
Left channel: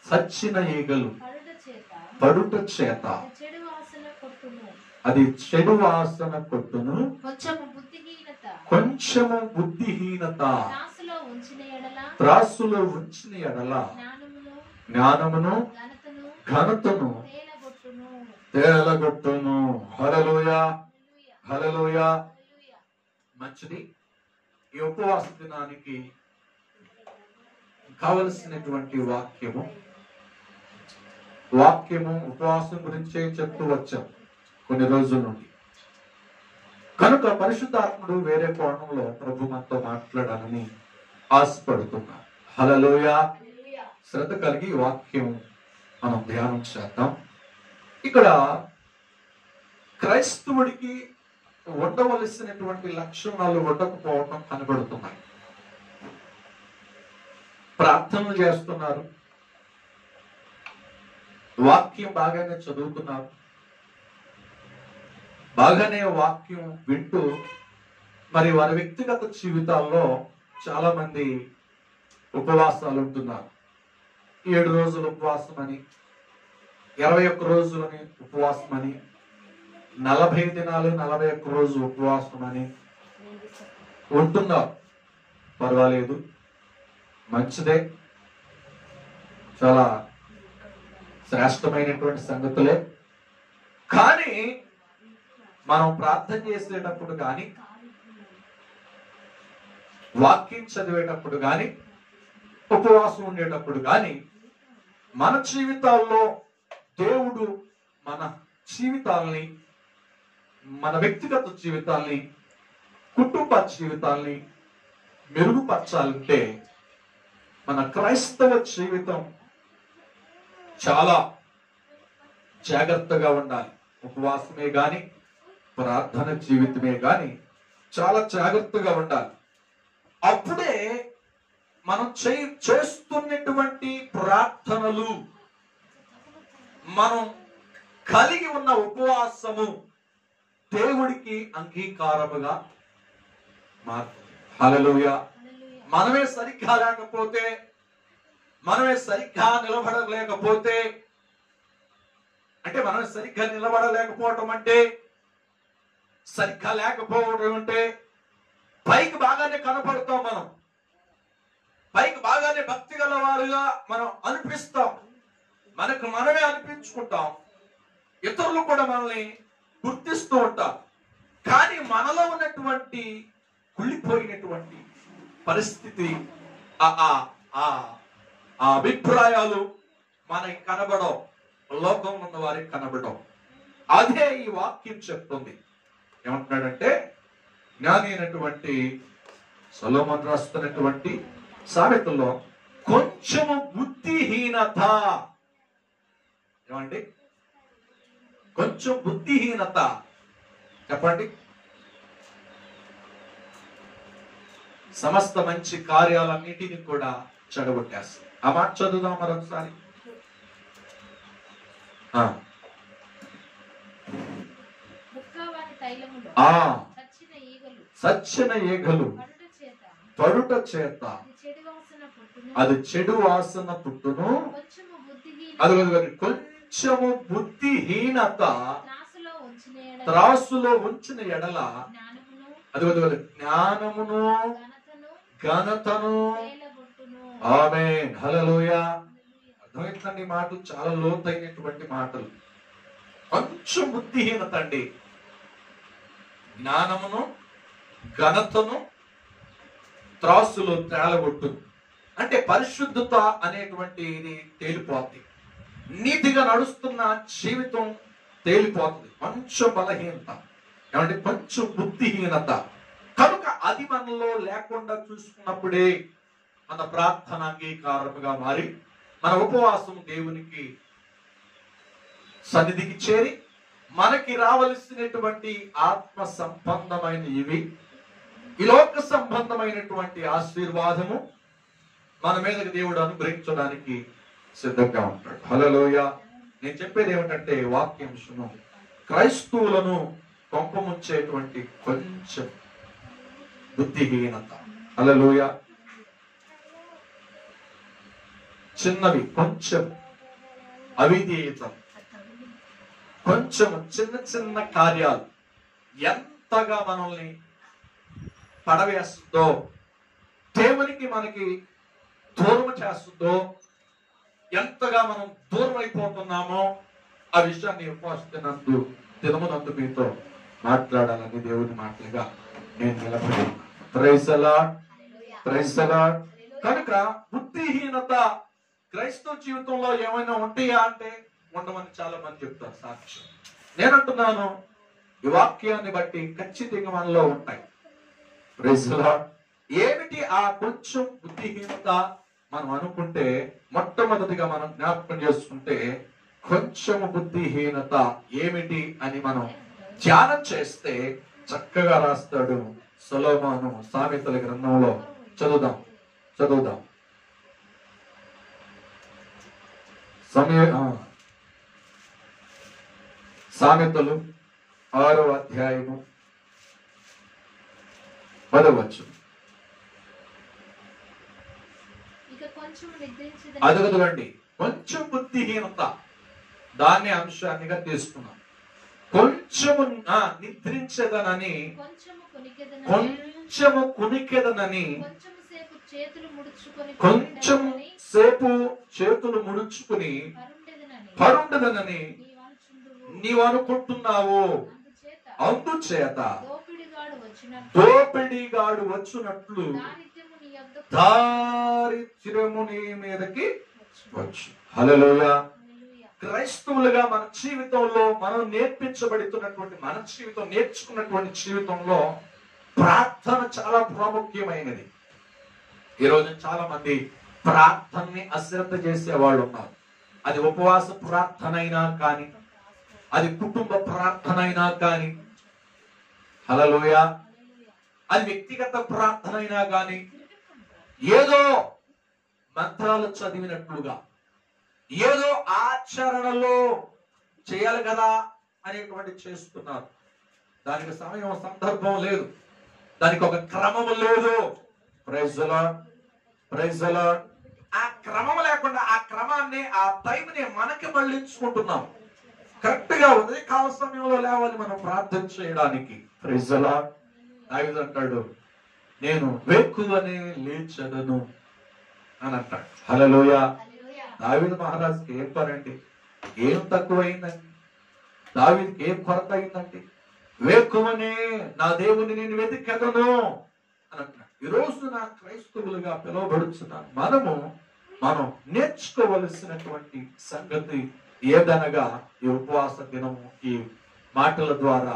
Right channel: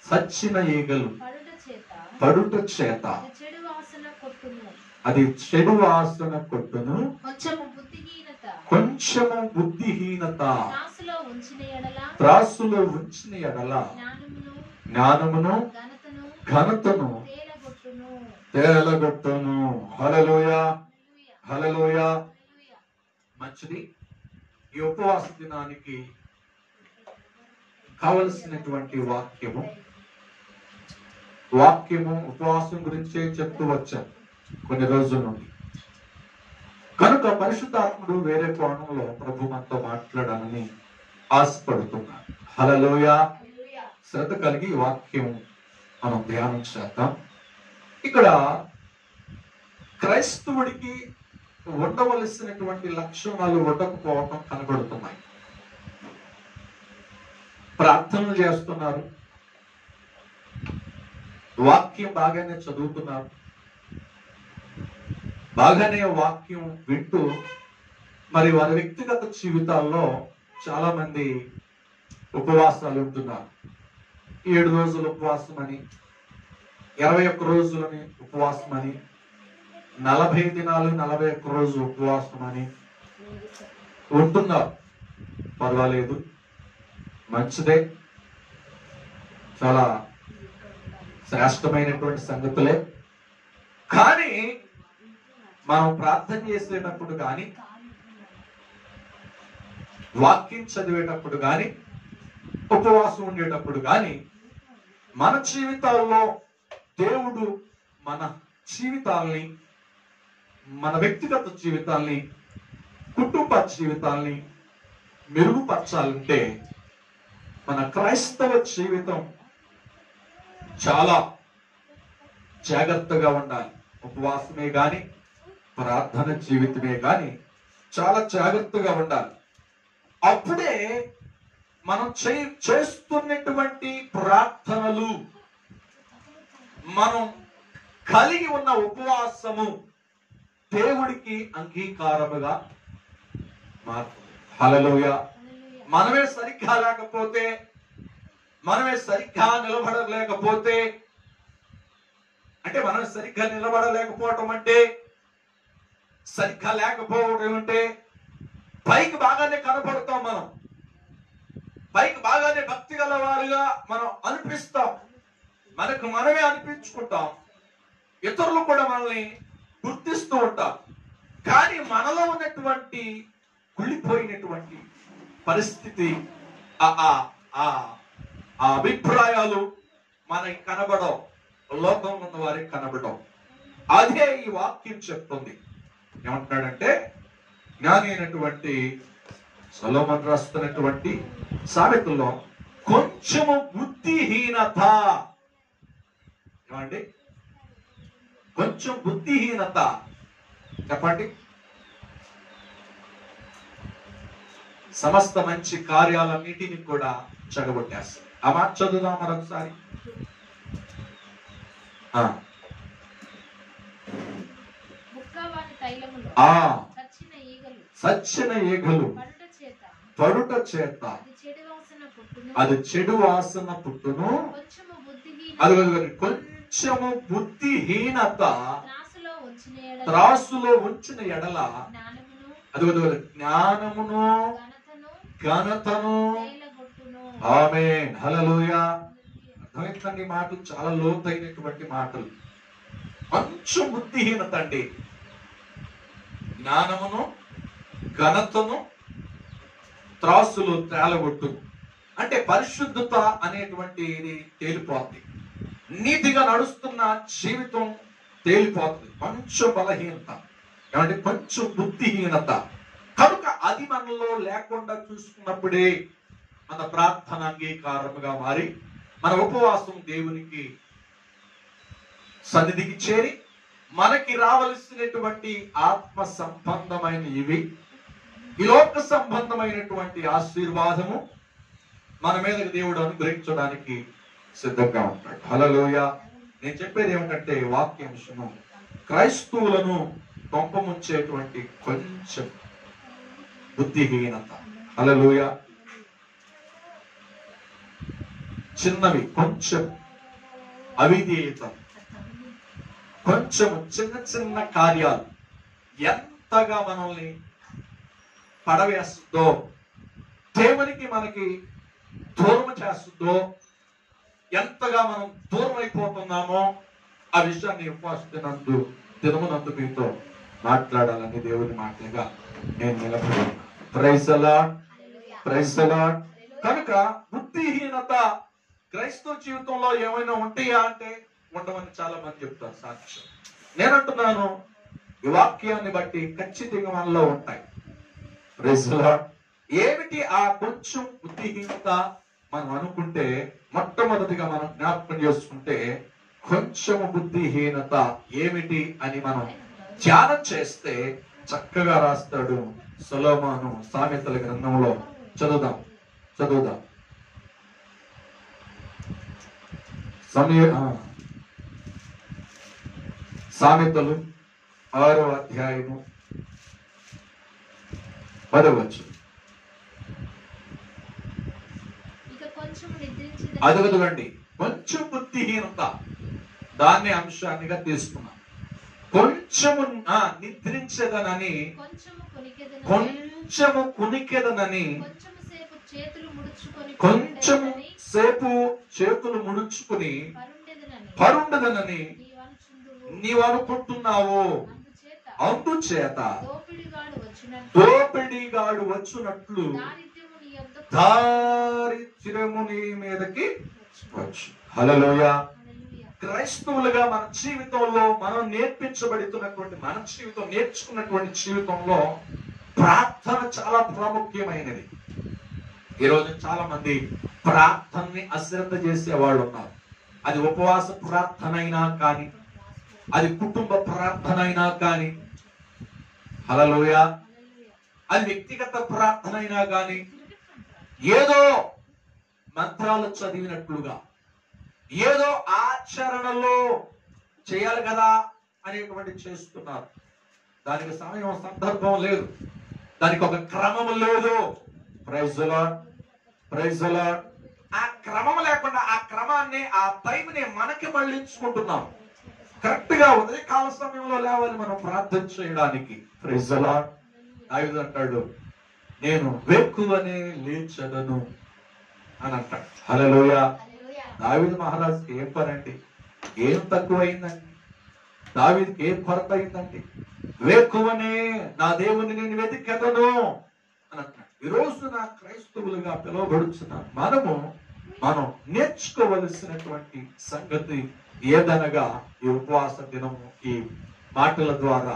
సచ్చిన ఈగలు పడుట చేత పడుట చేత అది చెడు వాసన కొట్టును. అది చెడు వాసన కొట్టును. కొంచెము బుద్ధిహీనత కొంచెము బుద్ధిహీనత త్రాసులో ఉంచిన ఎడల త్రాసులో ఉంచిన ఎడల జ్ఞానమును జ్ఞానమును ఘనతను ఘనతను తేలగొట్టును. తేలగొట్టును. హల్లెలూయా, హల్లెలూయా, హల్లెలూయా. హల్లెలూయా. మంచిది. ఈ ఉపవాస దినానికి కావలసినటువంటి వాక్యము ఉపవాసం గురించే చెప్తూ వచ్చాం కొన్ని రోజుల నుండి. కనుక పరిశుద్ధాత్ముడు వేరే కోణంలో ప్రభు మనతో మాట్లాడాలని ఆశపడుతున్నారు. హల్లెలూయా. హల్లెలూయా. శ్రద్ధ కలిగి ఈ వాక్యం మనం ధ్యానం చేద్దాం. ఇక్కడ క్రైస్తవుడికి ఉండవలసినటువంటి లక్షణాలు ఉండకపోవటం కనబడుతున్నాయి. ప్రార్థనలు చేస్తున్నారు, వాక్యం బాగానే చదువుతున్నారు, బాగానే వాక్యం వింటూ మరి వారి వ్యక్తిగత జీవితాల్లో చాలా మంది ఉపవాసాలు ఉంటున్నారు. 7 రోజులు ఉపవాసం అని, 21 రోజులని ఉపవాసం అని, 40 దినాలు 41 రోజు ఉపవాసం అని ఉంటున్నారు. పర్వాలేదు, మంచిదే, చాలా శ్రేష్టమైనటువంటి సంగతులే. కానీ మనం ప్రార్థన చేసేటప్పుడు కానీ, వాక్యం చదివేటప్పుడు కానీ, ఉపవాసం ఉండేటప్పుడు కానీ మన జీవితాల్లో దేవుడు మన జీవితాల్ని, మన వ్యక్తిగత జీవితాల్ని, కుటుంబ జీవితాల్ని మెరుగుపరచాలంటే మన క్రైస్తవ జీవితం చాలా జాగ్రత్తగా ఉండాలి. ఉపవాసమే గాని, ప్రార్థన జీవితమే గాని చాలా జాగ్రత్తగా ఉండాలి. అప్పుడే మనం చేస్తున్నటువంటి ప్రార్థనలు, మనం కలిగి ఉన్న ఉపవాసము దేవుడికి అంగీకారముగా మారుతుంది. హల్లెలూయా. హల్లెలూయా. మనమే సరిగ్గా లేకపోతే, మనమే సరిగ్గా నిలబడలేకపోతే, అంటే మనం సరిగ్గా నిలబడలేకపోవటం అంటే, సరిగ్గా లేకపోవడం అంటే, పైకి బాగానే కనపడతాం, మనం పైకి బాగానే భక్తి గల వారుగా మనం అనిపిస్తాం, మనకు మనమే అనిపించుకుంటాం, ఇతరులు కూడా మనల్ని గుర్తిస్తూ ఉంటాం. కానీ మనలో ఉన్నటువంటి కుళ్ళిపోయినటువంటి పరిస్థితి, ఆ అభిప్రాయాలు మనకి కనబడవు, లోకం ఉన్న వారికి కనబడవు. అదే ఈ వాక్యం చెప్తుంది. ఏమంటున్నాడంటే, జ్ఞాని అయినటువంటి సొలొమోను రాస్తున్నటువంటి సామెతల్లో కొంచెము బుద్ధిహీనత, ఏమండి, కొంచెం బుద్ధిహీనత చెప్పండి, సమస్త మంచి కార్యాలన్నిటిని కూడా చెడగొట్టేస్తాయి. ఆ మాట చదువుదాం మరొకసారి. ముక్కవాని తైలములో చచ్చిన ఈగలు సచ్చిన ఈగలు పడుట చేత అది చెడు వాసన పుట్టును. అది కొంచెము బుద్ధిహీనత త్రాసులో ఉంచిన ఎడల అది జ్ఞానమును ఘనతను. ఆమేన్, హల్లెలూయా. అర్థమైందండి? మాటలు చాలా లోతైనటువంటి మాటలు. కొంచెం బుద్ధిహీనత అండి, జ్ఞానమును ఘనతను త్రాసులో తేలగొట్టు. అంటే పరిశుద్ధత అనేటువంటిది తేలిపోతుంది, నీతిగా నడుస్తున్న జీవితం తేలిపోతుంది. కొంచెం బలహీనత, ఏమంటే కొంచెం బుద్ధిహీనత. కనుక అది మనలో లేకుండా చూసుకున్నప్పుడే మన ప్రార్థన అంగీకారముగా మారి మన ఉపవాసం దేవునికి సన్నిధికి చేరి మనకి రావలసినటువంటి ఆత్మ సంబంధమైన ఇవి, ఈ లోక సంబంధమైనటువంటి ఆశీర్వాదము మన మీదకి దేవుడు అనుగ్రహించడానికి సిద్ధంగా ఉంటాడు. హల్లెలూయా. నేను చెప్పేది ఏమిటంటే, వాక్యాంశము క్రైస్తవులను కొంపముంచేటువంటి కొంచెం బుద్ధిహీనత. హల్లెలూయా. చిన్నవి, కొంచెం అవిధేయతలు, కొంచెం చిన్న చిన్న కార్యాలు ఎంతగా మనల్ని పడవేస్తుందో, దేవునికి మనకి దూరం చేస్తుందో, ఎంతగా మనం దూరం అయిపోతున్నామో ఆ విషయాన్ని ఉపవాసనందు దినమునందు మీతో మాట్లాడాలని దేవుని మాటలుగా నేను నిలబడి. Praise the lord, praise the lord. కనుక బుద్ధిహీనత క్రైస్తవ జీవితంలో ఏమైనా ఉంటాయా అంటే ఉండమని చాలా మంది చెప్తారు సాక్ష్యం. నేనంటున్నాను ఈ వాక్యాన్ని బట్టి ఖచ్చితంగా మనలో ఉంటాయి. Praise the lord. ఏమిటి ఆ కొంచెం బుద్ధిహీనత మనం అనుకుంటే, మొట్టమొదటిగా మనం జ్ఞాపకం చేసుకుంటే కొంచెం బుద్ధిహీనత ఏమిటి అని మనం ధ్యానం చేస్తే చక్కగా రాస్తాడు సొలొమోను సామెతల గ్రంథంలో. చదువుదాం. సామెతలు 6వ అధ్యాయము 10వ వచనం. అదగదులండి, కొంచెం బుద్ధిహీనత దాన్ని అంశాన్నిగా తీసుకున్నాం. కొంచెము నిద్రించదనని, కొంచెము కునికెదనని, కొంచెం సేపు చేతులు ముడుచుకుని పరుండదనని నీవు అనుకుంటున్నావు. అందుచేత దోపిడిగాడు వచ్చినట్లు దారిద్ర్యము నీ మీదకి వచ్చు. హల్లెలూయా. క్రైస్తవులుగా మన జీవితంలో మనం నేర్పించబడుతున్నటువంటి, మన జీవితం నేర్చుకున్నటువంటి జీవితంలో ప్రార్థన చాలా ప్రాముఖ్యమైనది. ఈరోజు చాలా మంది ప్రార్థనని అశ్రద్ధ చేసే వాళ్ళు ఉన్నారు. అది ఉపవాస ప్రార్థన అయినా కానీ, అది కుటుంబ ప్రార్థన అయినా కానీ, హల్లెలూయా, అది వ్యక్తిగత ప్రార్థన అయినా కానీ, ఏదో మంత్రాలు చదివినట్లుగా, ఏదో ఆచరణలో చేయాలి కదా అనేటువంటి చేస్తున్నారు. దానికి సమయం, సందర్భం లేదు, దానికి ఒక క్రమం లేదు. Praise the lord, praise the lord. ఆ క్రమం లేకుండా ఆ క్రమాన్ని, ఆ టైంని మనకి మళ్ళించుకుంటున్నాం. కరెక్ట్ గా ఉదయకాల సమయంలో లేవాలి మనం ప్రార్థన చేయడానికి. Praise the lord. దావీదు అంటాడు, నేను వేకువనే లేచెదను అని అంటాడు. హల్లెలూయా. దావీదు మహారాజుకి ఏం పనండి, ఏం తక్కువైందండి, దావీదుకి ఏం కొరత అయిందండి? వేకువనే నా దేవుని నేను వెతికెదను అని అంటున్నాడు. ఈరోజు నా క్రైస్తవులుగా పిలువబడుతున్నారు మనం నేర్చుకోవలసినటువంటి సంగతి ఏదనగా, ఈ ఉపవాస దినము, ఈ మాటల ద్వారా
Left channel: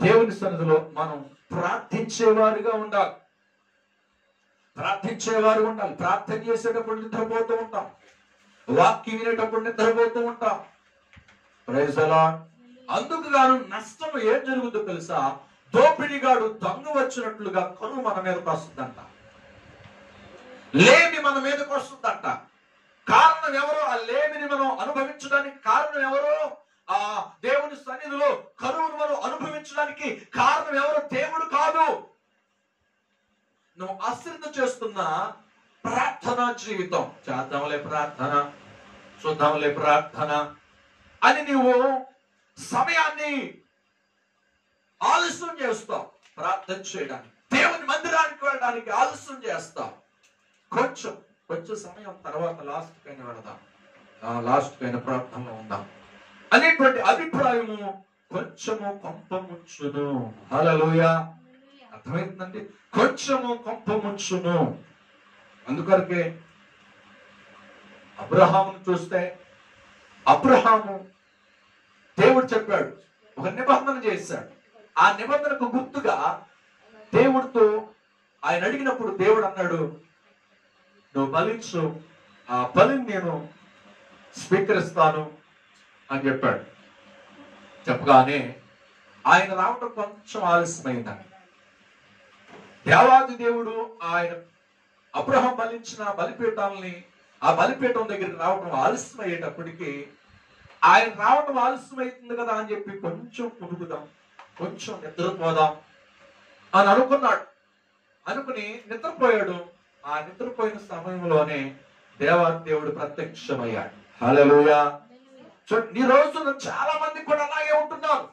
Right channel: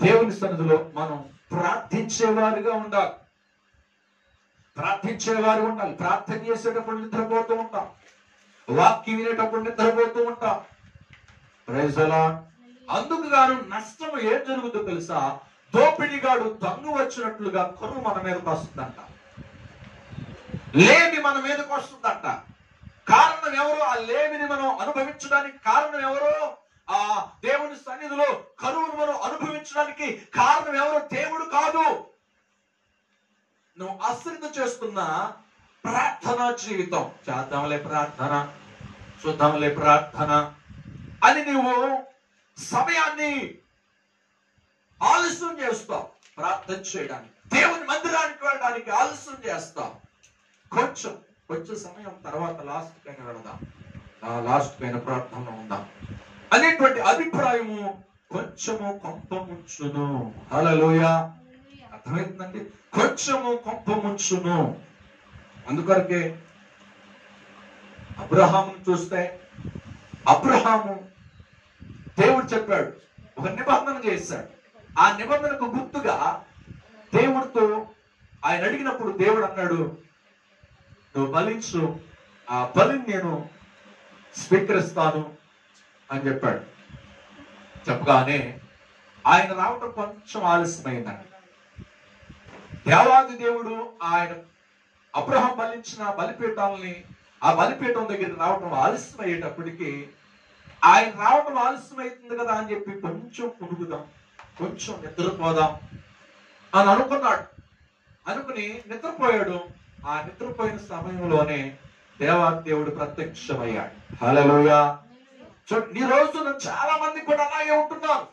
దేవుని సన్నిధిలో మనం ప్రార్థించేవారుగా ఉండాలి. ప్రార్థన చేసేటప్పుడు నిద్రపోతూ ఉంటాం, వాక్యం వినేటప్పుడు నిద్రపోతూ ఉంటాం. Praise the lord. అందుకు గాను నష్టం ఏం జరుగుతుందో తెలుసా? దోపిడిగాడు దొంగ వచ్చినట్లుగా కరువు మన మీదకి వస్తుందంట, లేమి మన మీదకి వస్తుందంట. కారణం ఎవరు? ఆ లేమిని మనం అనుభవించడానికి కారణం ఎవరు? ఆ దేవుని సన్నిధిలో కరువును మనం అనుభవించడానికి కారణం ఎవరు? దేవుడు కాదు. నువ్వు అశ్రద్ధ చేస్తున్న ప్రార్థనా జీవితం, చేద్దాంలే ప్రార్థన, చూద్దాంలే ప్రార్థన అని నువ్వు సమయాన్ని ఆలస్యం చేస్తావు. ప్రార్థన చేయడానికి, దేవుని మందిరానికి వెళ్ళడానికి ఆలస్యం చేస్తావు. కొంచెం సమయం తర్వాత లాస్ట్ కైనా వెళదాం, లాస్ట్ కైనా ప్రార్థనలో ఉందాం అనేటువంటి అభిప్రాయము కొంచెము కొంపముంచును. హల్లెలూయా. అర్థమవుతుందండి? కొంచెము కొంపముంచును. అందుకొరకే అబ్రహామును చూస్తే, అబ్రహాము దేవుడు చెప్పాడు, ఒక నిబంధన చేశాడు. ఆ నిబంధనకు గుర్తుగా దేవుడితో ఆయన అడిగినప్పుడు దేవుడు అన్నాడు, నువ్వు బలించు, ఆ బలిని నేను స్వీకరిస్తాను అని చెప్పాడు. చెప్పగానే ఆయన రావటం కొంచెం ఆలస్యమైందండి. దేవాది దేవుడు ఆయన అబ్రహాం బలించిన బలిపీఠాలని, ఆ బలిపీఠం దగ్గరికి రావటం ఆలస్యం అయ్యేటప్పటికి, ఆయన రావటం ఆలస్యం అవుతుంది కదా అని చెప్పి కొంచెం పురుగుదాం, కొంచెం నిద్రపోదాం అని అనుకున్నాడు. అనుకుని నిద్రపోయాడు. ఆ నిద్రపోయిన సమయంలోనే దేవుడు ప్రత్యక్షమయ్యాడు. హల్లెలూయా. చూడండి, ఈ రోజున చాలా మంది కూడా అలాగే ఉంటున్నారు.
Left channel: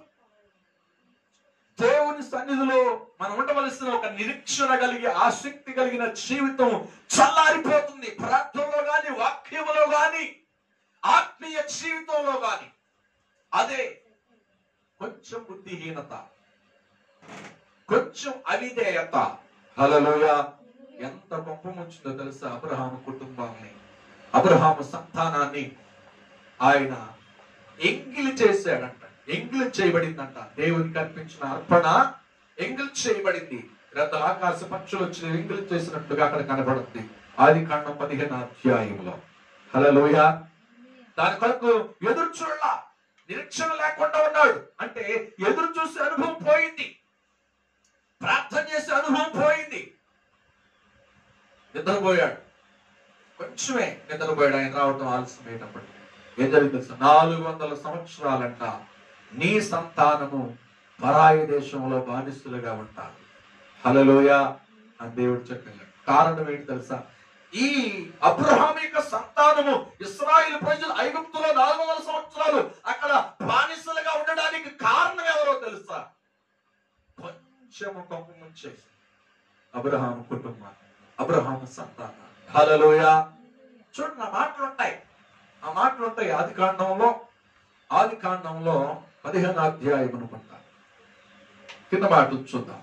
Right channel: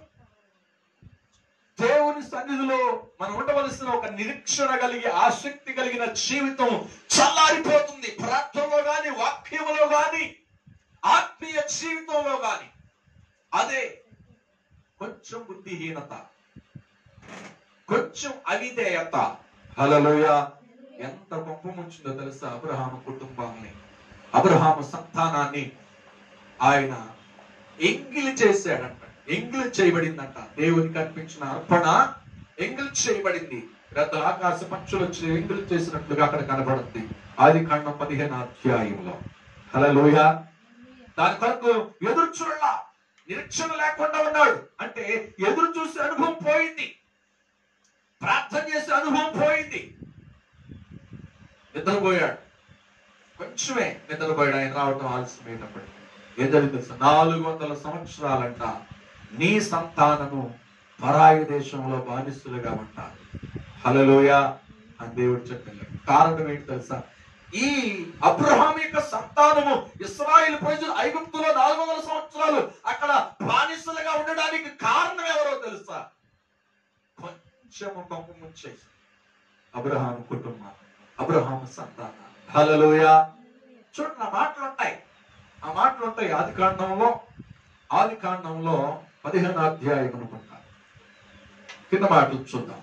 దేవుని సన్నిధిలో మనం ఉండవలసిన ఒక నిరీక్షణ కలిగి ఆసక్తి కలిగిన జీవితం చల్లారిపోతుంది. ప్రార్థనలో గాని, వాక్యంలో గాని, ఆత్మీయ జీవితంలో గాని. అదే కొంచెం బుద్ధిహీనత, కొంచెం అవిధేయత. హల్లెలూయా. ఎంత గొప్ప ముంచిందో తెలుసా? అబ్రహాము కుటుంబాన్ని, అబ్రహాము సంతానాన్ని ఆయన ఎంగిలి చేశాడంట. ఎంగిలి చేయబడిందంట. దేవునికి అర్పించిన అర్పణ ఎంగిలి చేయబడింది. పెద్ద ఆకాశ పక్షులు వచ్చి ఎంగిలి చేసినట్టుగా అక్కడ కనబడుతుంది ఆదికాండం 15వ అధ్యాయంలో. హల్లెలూయా. దాని కొరకు ఎదురు చూడాల, నిరీక్షణ లేకుండా ఉన్నాడు. అంటే ఎదురు చూసే అనుభవం పోయింది, ప్రార్థన చేసే అనుభవం పోయింది. నిద్రపోయాడు, కొంచెమే నిద్రపోయాడు. ఆయన రావటం ఆలస్యమైనప్పుడు ఏం జరిగింది? 400 సంవత్సరాలంట నీ సంతానము పరాయి దేశంలో బానిసులుగా ఉంటారు. హల్లెలూయా అని దేవుడు చెప్పాడు. కారణం ఏంటి తెలుసా? ఈ అబ్రహాం యొక్క సంతానము, ఇశ్రాయేలు ప్రజలు ఐగుప్తులో 400 సంవత్సరాలు అక్కడ బానిసలుగా ఉండడానికి కారణం ఎవరో తెలుసా? కొంచెము కొంప ముంచేసి అబ్రహాం కుటుంబం, అబ్రహాం సంతానం. హల్లెలూయా. చూడండి, ఆ మాటలు ఉంటాయి ఆదికాండంలో 15వ అధ్యాయం అనుకుంటా. కింద మాటలు చూద్దాం.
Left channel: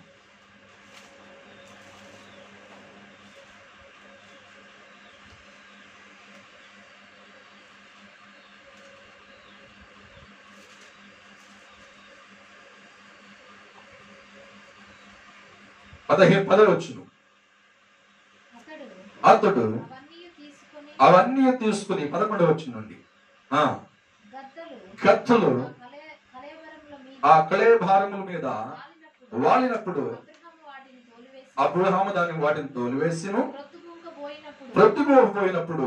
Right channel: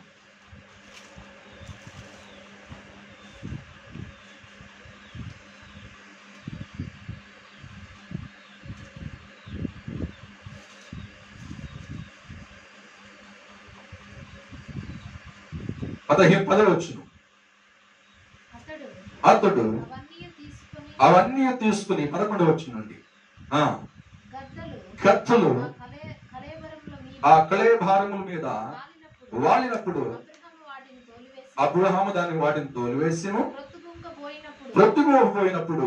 పదవచ్చును. అతడు అవన్నీ తీసుకుని 11వచ్చునండి కత్తులు ఆ కళేభారముల మీద వాలినప్పుడు అబ్రహాము వాటిని తోలివేసిను. ప్రొద్దుపోయినప్పుడు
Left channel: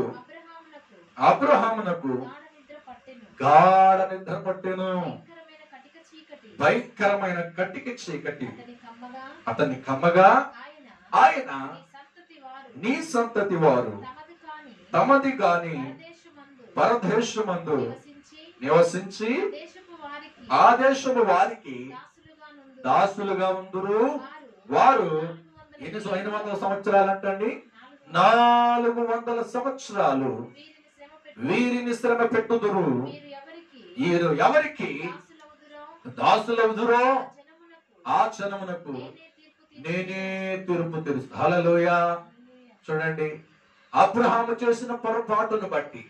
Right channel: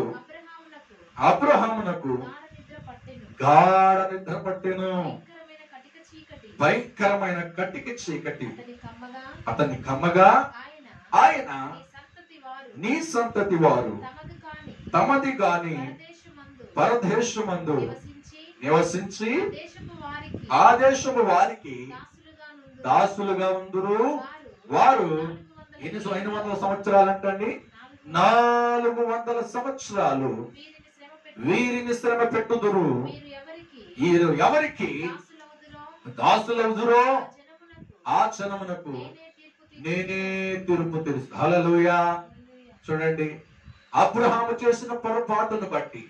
అబ్రహామునకు గాఢ నిద్ర పట్టెను. భయంకరమైన కటిక చీకటి అతన్ని కమ్మగా ఆయన నీ సంతతి వారు తమది గాని పరదేశమందు నివసించి ఆ దేశము వారికి దాసులుగా ఉందురు. వారు 800 సంవత్సరాలు అంటండి, 400 సంవత్సరాలు వీరిని శ్రమ పెట్టుదురు. వీరు ఎవరికి దాసులవుదురో ఆ జనమునకు నేనే తీర్పు తెలుసు. హల్లెలూయా. చూడండి, అబ్రహాము చేసిన పొరపాటును బట్టి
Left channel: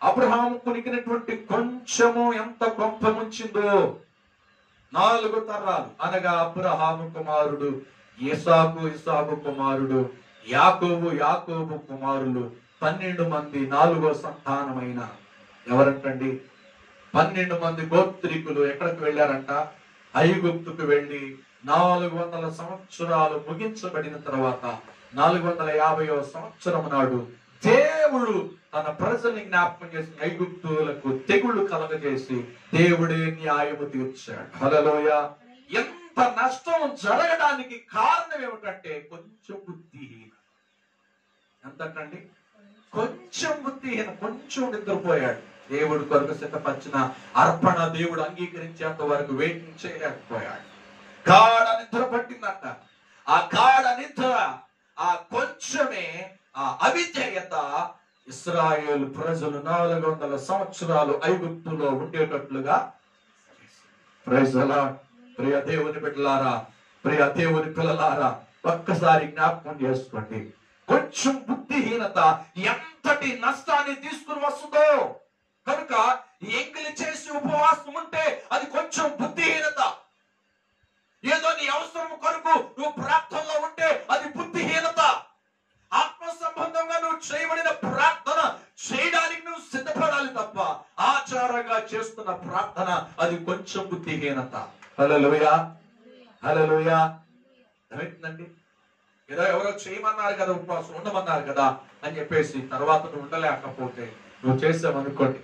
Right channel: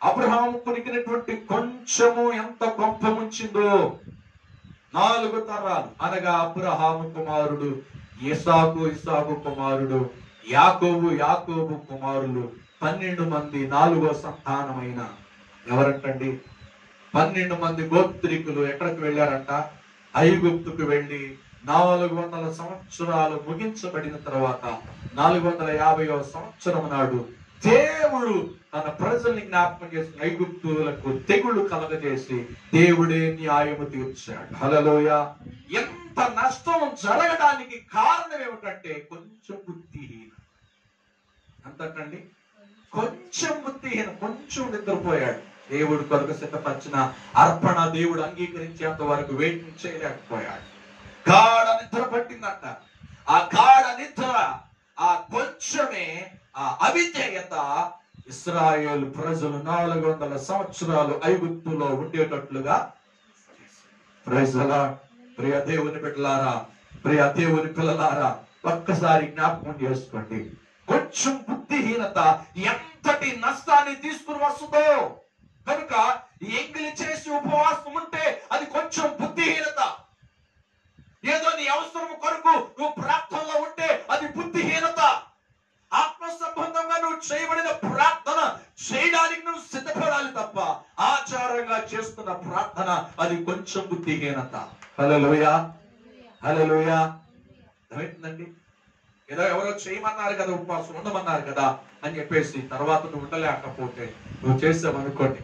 అబ్రహాము కొనికినటువంటి కొంచెము ఎంత గొప్ప ముంచిందో. 4 తరాలు అనగా అబ్రహాము కుమారుడు ఇస్సాకు, ఇస్సాకు కుమారుడు యాకోబు, యాకోబు కుమారులు 12 మంది 4వ సంతానమైన ఎవరంటండి? 12 మంది గోత్రికులు ఎక్కడికి వెళ్ళారంట? ఐగుప్తుకు వెళ్ళి 400 సంవత్సరాలు ముగించబడిన తర్వాత 450వ సంవత్సరం నాడు దేవుడు తన ప్రజల్ని జ్ఞాపకం చేసి ఐగుప్తులకు తెగుళ్ళు కలగజేసి దేవుడే న్యాయము తీర్చాడు. హల్లెలూయా. ఎంత నష్టం జరగడానికి కారణం ఏమిటంటే కొంచెం బుద్ధిహీన. ఎంతండి? కొంచెం బుద్ధిహీన, కొంచెం నిద్రపోయాడు. దేవుడి కొరకు సిద్ధపరిచిన అర్పణ దేవుడు అంగీకరించేంత వరకు వెయిట్ చేయలేకపోయాడు. గాఢ నిద్ర పట్టిందంట. ఆ గాఢ నిద్ర, ఆ కొంచెమే, ఆ అవిధేయత ఇశ్రాయేలు ప్రజలు 400 సంవత్సరాలు ఐగుప్తులో ఉండేటట్లుగా. Praise the lord. ప్రియ దేవుని బిడ్డలారా, ప్రియ దేవుని పిల్లలారా, ఒక్కసారి జ్ఞాపకం చేసుకోండి. కొంచెం బుద్ధిహీనత ఎంతటి నష్టాన్ని తీసుకుని వస్తుందో. కనుక ఎంగిలి చేసి ఉపవాసం ఉంటే అది కొంచెం బుద్ధిహీనత. ఏదో నీ అవసరం కొరకు నువ్వు ప్రార్థనలో ఉంటే అది బుద్ధిహీనత. ఆత్మ సంబంధంగా నువ్వు చేయబడిన ప్రార్థన చేయడానికి నువ్వు సిద్ధపడాలి తప్ప ఆచారంగా చేస్తున్న ప్రార్థన అది కొంచెం బుద్ధిహీనత. హల్లెలూయా. హల్లెలూయా. ఏమైందండి? ఏదో ఎవరో చేయమన్నారు కదా, ఉపవాసం ఉండమన్నారు కదా అని చెప్పేసి తర్వాత నువ్వు ఉండలేకపోతే నువ్వు చేసావనుకోండి,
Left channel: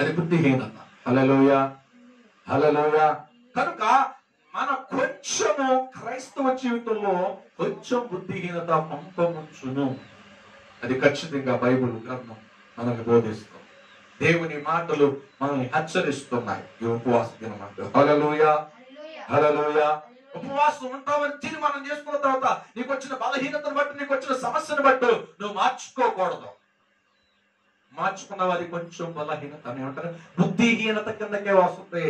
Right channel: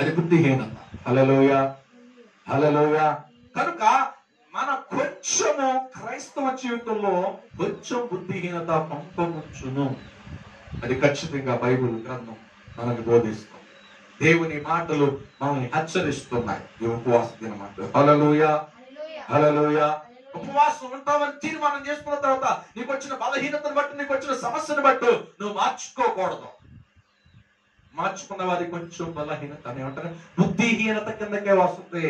అది బుద్ధిహీనత. హల్లెలూయా. హల్లెలూయా. కనుక మన కొంచెము క్రైస్తవ జీవితంలో కొంచెం బుద్ధిహీనత పంపముంచును. అది ఖచ్చితంగా బైబిల్ గ్రంథం మనకు బోధిస్తుంది. దేవుని మాటలు మనల్ని హెచ్చరిస్తున్నాయి. ఈ ఉపవాస దినమంటూ హల్లెలూయా, హల్లెలూయా. ఉపవాసం ఉంటామని తీర్మానం చేసుకున్న తర్వాత నీకు వచ్చిన బలహీనతను బట్టి, నీకు వచ్చిన సమస్యను బట్టి నువ్వు మార్చుకోకూడదు. మార్చుకున్న వారి కొంచెం బలహీనత ఏమంటారు, బుద్ధిహీనత కిందకే వస్తుంది.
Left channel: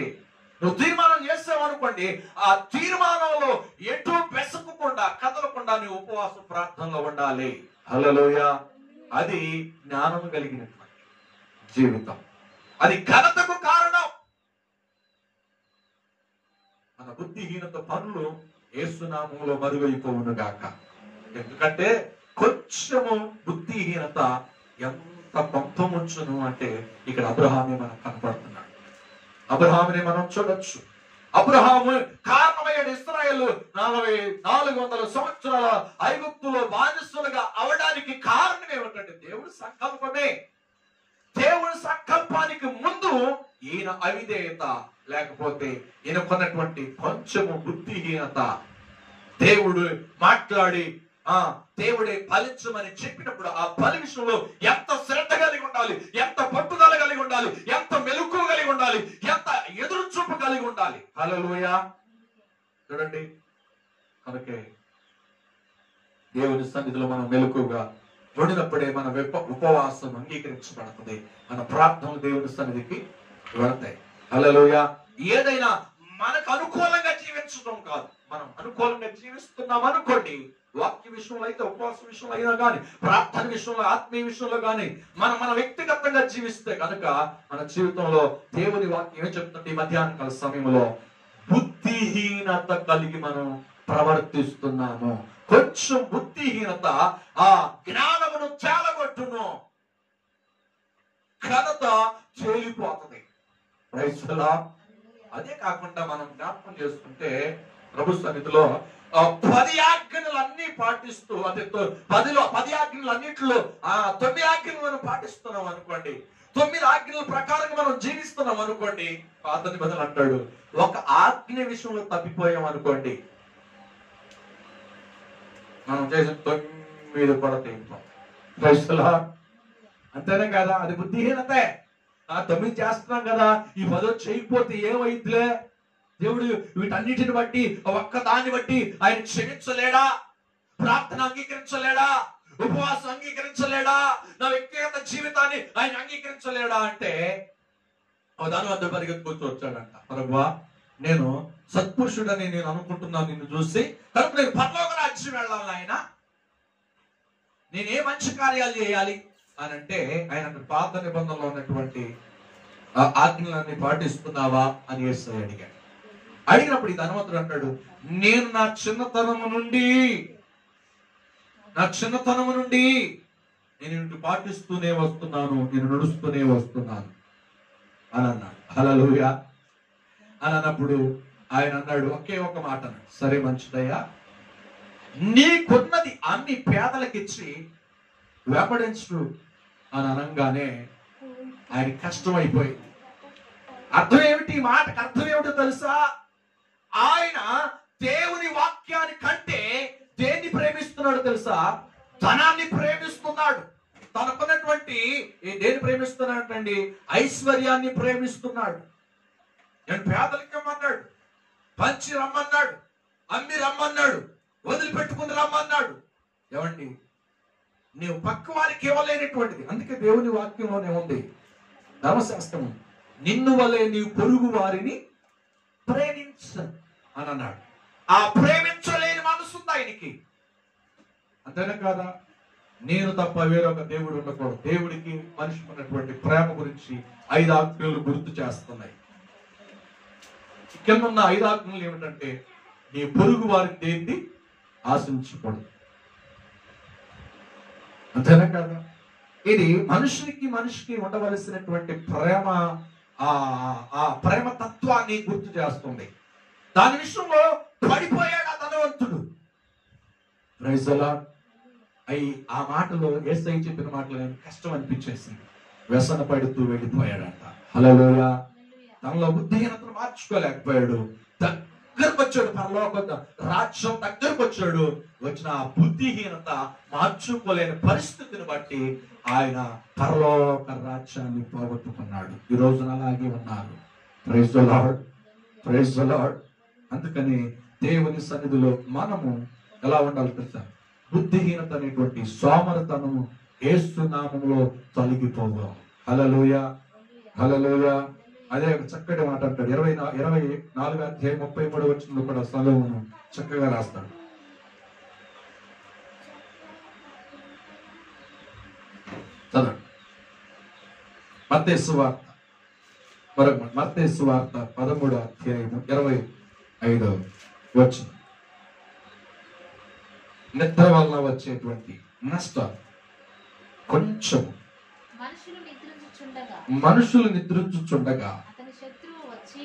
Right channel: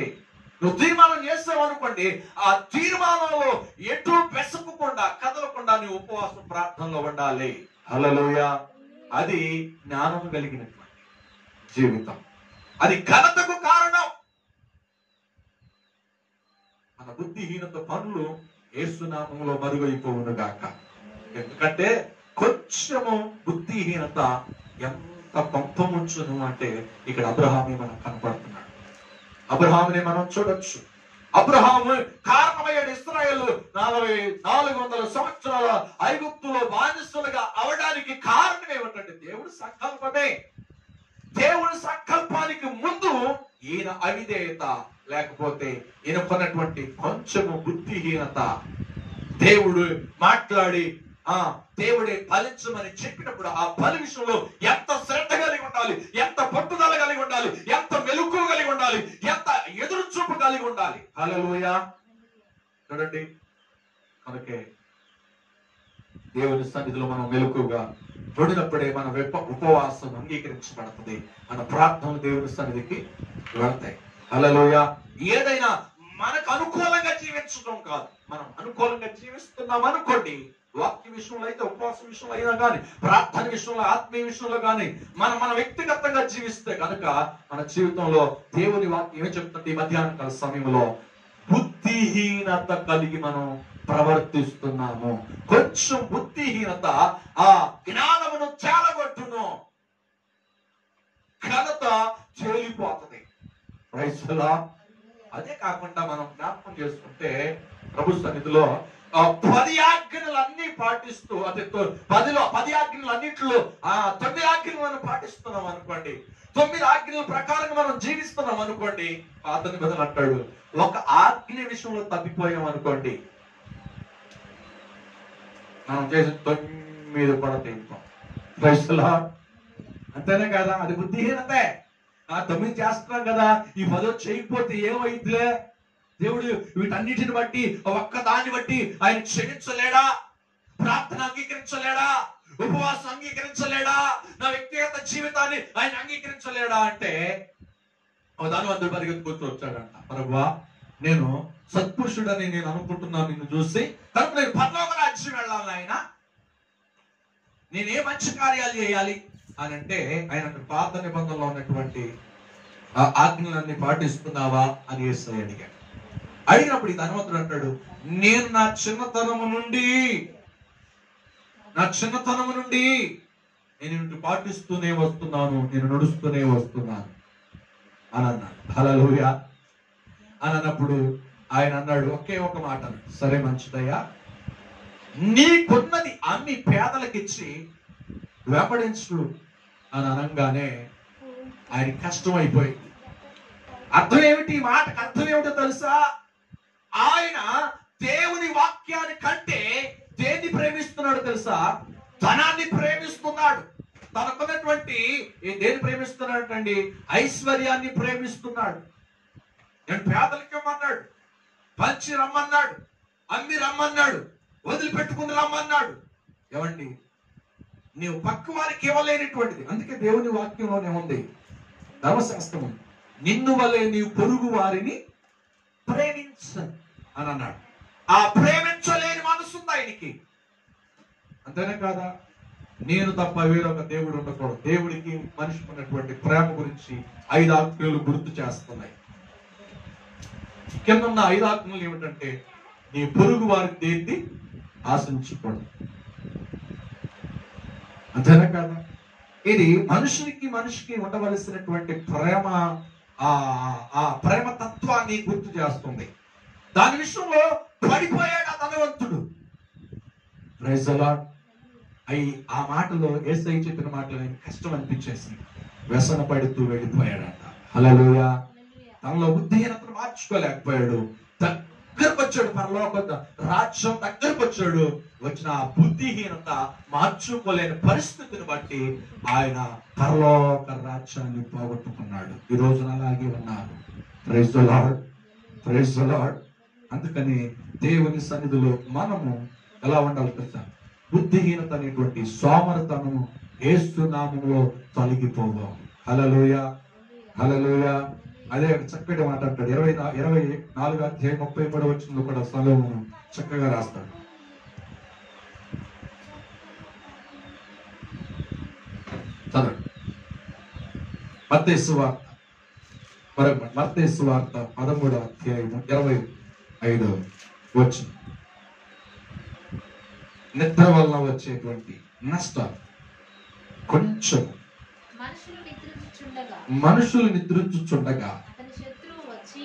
నువ్వు తీర్మానం చేస్తావు అనుకోండి, ఆ తీర్మానంలో ఎటు వెసకకుండా కదలకుండా నీ ఉపవాసం ప్రార్థనలో ఉండాలి. హల్లెలూయా. అది జ్ఞానము కలిగినటువంటి జీవితం, అది ఘనతకు కారణం. మన బుద్ధిహీనత పనులు యేసునామములో మరుగైపోవును గాక. ఎందుకంటే కొంచెము బుద్ధిహీనత ఎంత పంపముంచును అంటే ఇక్కడ అబ్రహామే మనకు కనపడుతున్నాడు. అబ్రహాముని మనం చూడొచ్చు. అబ్రహాము కారణమయ్యాడు. ఇశ్రాయేలు 400 సంవత్సరాల ఐగుప్తులో బానిసలుగా అవడానికి కారణం ఏమిటంటే దేవుడి సంకల్పమే. దేవుడి సంకల్పానికి ముందు ఈయన అవిధేయత, లేకపోతే ఈయనకున్నటువంటి కొంచెము బుద్ధిహీనత. దేవుడు మాట్లాడి దేవుడే ఫలించమని చెప్పినప్పుడు ఆ ఫలి విషయంలో ఎంత శ్రద్ధ కలిగి ఉండాలి, ఎంత పట్టుదల కలిగి ఉండాలి, ఎంత మెలకువ కలిగి ఉండాలి, ఎంత ఎదురు చూపు కలిగి ఉండాలి. హల్లెలూయా. చూడండి, కనుకే దేవుని సన్నిధిలో మనం మెలకువగా ఉండినప్పుడే మన ఉపవాసం అంగీకరించబడుతుంది. మన ప్రార్థనలు దేవుని సన్నిధికి వెళతాయి. హల్లెలూయా. ఏదైనా మనకు అనుకూలంగా జీవించడం కాదు. మనం అనుకూలంగా జీవిస్తున్నాం అనుకోండి, వాక్య విషయంలో అయితే, ఉపవాస విషయంలో అయినా కానీ, ప్రార్థన విషయంలో, ఆత్మీయ విషయంలో కానీ మన వ్యక్తిగతంగా జీవిస్తే కనుక మన జీవితంలో దేవుని వాక్యం ఏం చెప్తుంది? ఈ మధ్యాహ్న కాల సమయంలో బుద్ధిహీనత కలిగి మనం ప్రవర్తిస్తున్నాము. కొంచెం బుద్ధిహీనత ఆ జ్ఞానమును చాలగొట్టును, ఘనత చేలిపోతుంది. Praise the lord. అదే కాకుండా మనం జ్ఞాపకం చేసుకుంటే ప్రభు సన్నిధిలో 10 ఆజ్ఞలన్నీ పాటిస్తూ, అదే 10 ఆజ్ఞలన్నింటిలో 9 ఆజ్ఞలు మనం పాటిస్తున్నాం అనుకోండి, 9 ఆజ్ఞల ప్రకారం మనం జీవిస్తున్నాం అనుకోండి, పాత నిబంధనలు అంటాడు ఒక ఆజ్ఞ విషయంలో తప్పిపోయాం అనుకోండి, మనం చేసిన 9 కూడా తెగుతాం. Praise the lord. అంతేనే కదా? అది బుద్ధిహీనతే. 9 చేస్తున్నాం కదా, ఈ 10 చేయకపోతే ఏమైద్దిలే, దేవుడు వీటన్నిటిని బట్టి, ఒక్క దాన్ని బట్టి ఆయన క్షమించలేడా? ప్రార్థన అంగీకరించలేడా? ఉపవాసం అంగీకరించలేడా? నా వ్యక్తిగత జీవితాన్ని ఆయన అంగీకరించలేడా అంటే దాని పరిగెత్తుకొచ్చి వచ్చాడంట. ప్రభువా, నేను సత్పురుషుడని నేను అనుకుంటున్నాను నిన్ను చూసి, కనుక నేను పరలోక రాజ్యం వెళ్ళాలి ఆయన, నేనే మంచి కార్యాలు చేయాలి అని అంటే ఆయన పాత నిబంధనలో ఉన్నటువంటి ఆజ్ఞలన్నీ పాటిస్తున్నావా అని యేసయ్య అడిగాడు. అయినప్పుడు ఈ ధనవంతుడు అంటాడు, నేను నా చిన్నతనము నుండి నేను పాటిస్తూనే వస్తున్నాను, నేను నడుస్తూనే వస్తున్నాను అని అన్నాడు. హల్లెలూయా. అని అన్నప్పుడు ఆయన అన్నాడు, ఒకే ఒక మాట అన్నాడు, సరే మంచిదయ్యా, నీకున్నది అన్ని పేదలకిచ్చి వెంబడించు అని అనగానే ఆయన కష్టం అయిపోయింది. అర్థం ఏమిటి? ఈ మాటకు అర్థం ఏమిటో తెలుసా? ఆయన దేవుని వాక్యాన్ని కంటే దేన్ని ప్రేమిస్తున్నాడు తెలుసా? ధనాన్ని ప్రేమిస్తున్నాడు. తనకున్నటువంటి దేన్ని ప్రేమిస్తున్నాడు అండి? ఐశ్వర్యాన్ని ప్రేమిస్తున్నాడు. నేను పేదలకి ఇవ్వమన్నాడు, పంచి రమ్మన్నాడు, అమ్మి రమ్మన్నాడు, వదిలిపెట్టుకుని రమ్మన్నాడు. ఏమండి, నీవు పక్క వారికి ఇవ్వలేనటువంటిది. అందుకే దేవుని వాక్యంలోనే ఉంది, ధర్మశాస్త్రం, నిన్ను వలె నీవు పొరుగు వారిని ప్రేమించ అని అన్నాడు. ఆ ప్రేమించలేని మనసు ఉంది ఆయనకి. అంతేనా కాదా? నేను తప్ప వేరొక దేవుడు ఉండకూడదు. దేవుడికి మనిషికి ఉన్నటువంటి ప్రేమ గురించి 5 ఆజ్ఞలు గుర్తు చేస్తున్నాయి. కింద ఉన్న 5 ఆజ్ఞలు ఏమిటంటే, నీ పొరుగు వారికి దేన్ని ఆశించకూడదు. అంతేనా కాదా? ఇది మనిషికి ఉండవలసినటువంటి ప్రేమ, ఆ ప్రేమ తత్వాన్ని గుర్తు చేస్తుంది. దాని విషయంలో పడిపోయాడు ఆ ధనవంతుడు. Praise the lord. ఆ మాటలో యేసయ్య చెప్పిన మాటలో నేను కష్టం అనిపించేసి వ్యసన పడుతూ వెళ్ళిపోయాడంట. హల్లెలూయా. తనలో బుద్ధిహీనతను మార్చుకోలేకపోయాడు. దగ్గరకు వచ్చాడు, పరలోక రాజ్యం దగ్గరకు వచ్చాడు. వచ్చిన ఆ బుద్ధిహీనత మార్చుకోలేని పరిస్థితిని బట్టి ఆయన పరలోక రాజ్యాన్ని పోగొట్టుకున్నాడు. ఈ రోజున అలాగే ఉన్నారు. Praise the lord, praise the lord. అందుకని దేవుని సన్నిధిలో మనము ఎలా ఉండాలి తెలుసా? బుద్ధిహీనత అనేటువంటి సోమరతనము యేసు నామములో తొలగిపోవాలి. హల్లెలూయా, హల్లెలూయా. అదే ఒక చక్కటి మాట అంటాడు. 24 అధ్యాయం 33 వచనంలో కూడా సొలొమోను చక్కగా రాస్తాడు. చదవండి. మత్తయి సువార్త, మత్తయి సువార్త 13వ అధ్యాయం 25వ వచనం. నిద్ర వలన వచ్చేటువంటి నష్టం కొంచెం. మనుషులు నిద్రించుచుండగా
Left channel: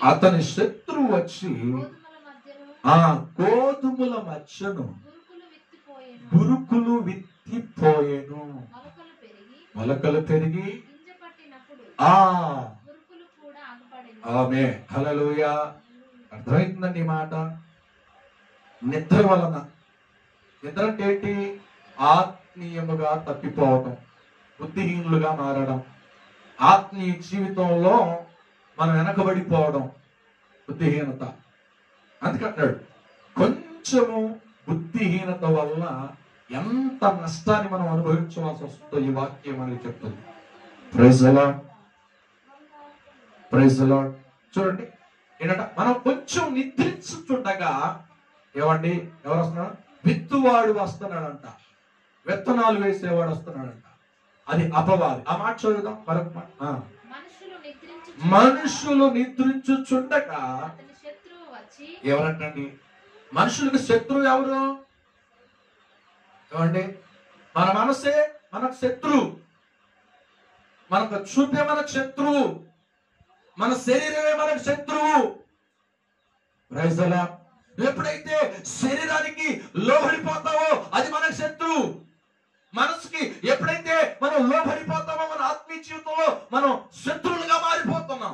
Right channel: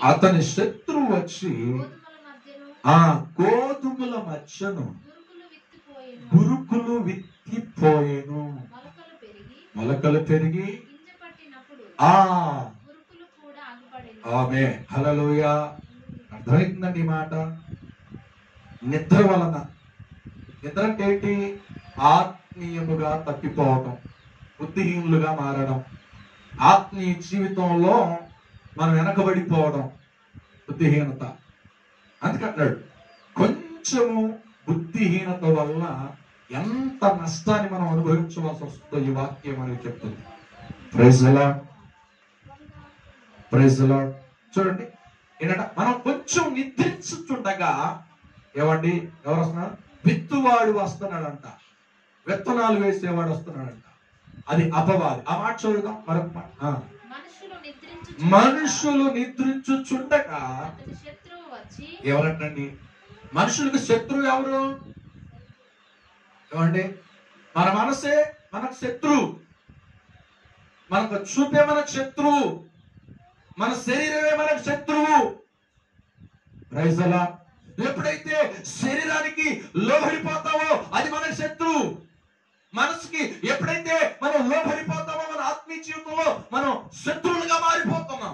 అతని శత్రువు వచ్చి ఆ గోధుమల మధ్యను గురుకులు విత్తిపోయేను. మొలకలు పెరిగి ఆమేన్, హల్లెలూయా. అర్థమవుతుందండి ఈ మాట? నిద్ర వలన, నిద్ర అంటే ఏంటి? ఆత్మీయముగా తప్పిపోవటం, బుద్ధిహీనులుగా మారడం, ఆత్మీయ జీవితంలో మనం వెనకబడిపోవడం, బుద్ధిహీనత. అందుకంటాడు కొంచెము బుద్ధిహీనత వలన ఎంత నష్టాన్ని మనం అనుభవించవలసి వస్తుందో ఈ వాక్యం మనకి చెప్తుంది. Praise the lord, praise the lord. చూడండి ఏంటంటే మనం కొంచెం నిద్రించుతుండగా ఏమండి ఎవరు వస్తున్నారు? విత్తువాడు వస్తున్నాడంట, విత్తనాలు వేసేవాడు వస్తున్నాడంట. అది అపవాది. ఆ మాట చదువుదాం మరొక మాట. మనుషులు నిద్రించుచుండగా ఎవరంటండి? మనుషులకు శత్రువు ఎవరు? ఏమండి? మన మనసే మనకు శత్రువు, మనకు చూపే మనకు శత్రువు, మన శరీరమే మనకు శత్రువు. Praise the lord. ఎప్పుడైతే శరీరానికి లోబడిపోతావో అది మనకు శత్రువు. మనసుకి ఎప్పుడైతే మనం లోబడిపోతామో మన ఆత్మీయ జీవితంలో మనం శత్రువులుగా మారిపోతున్నాం.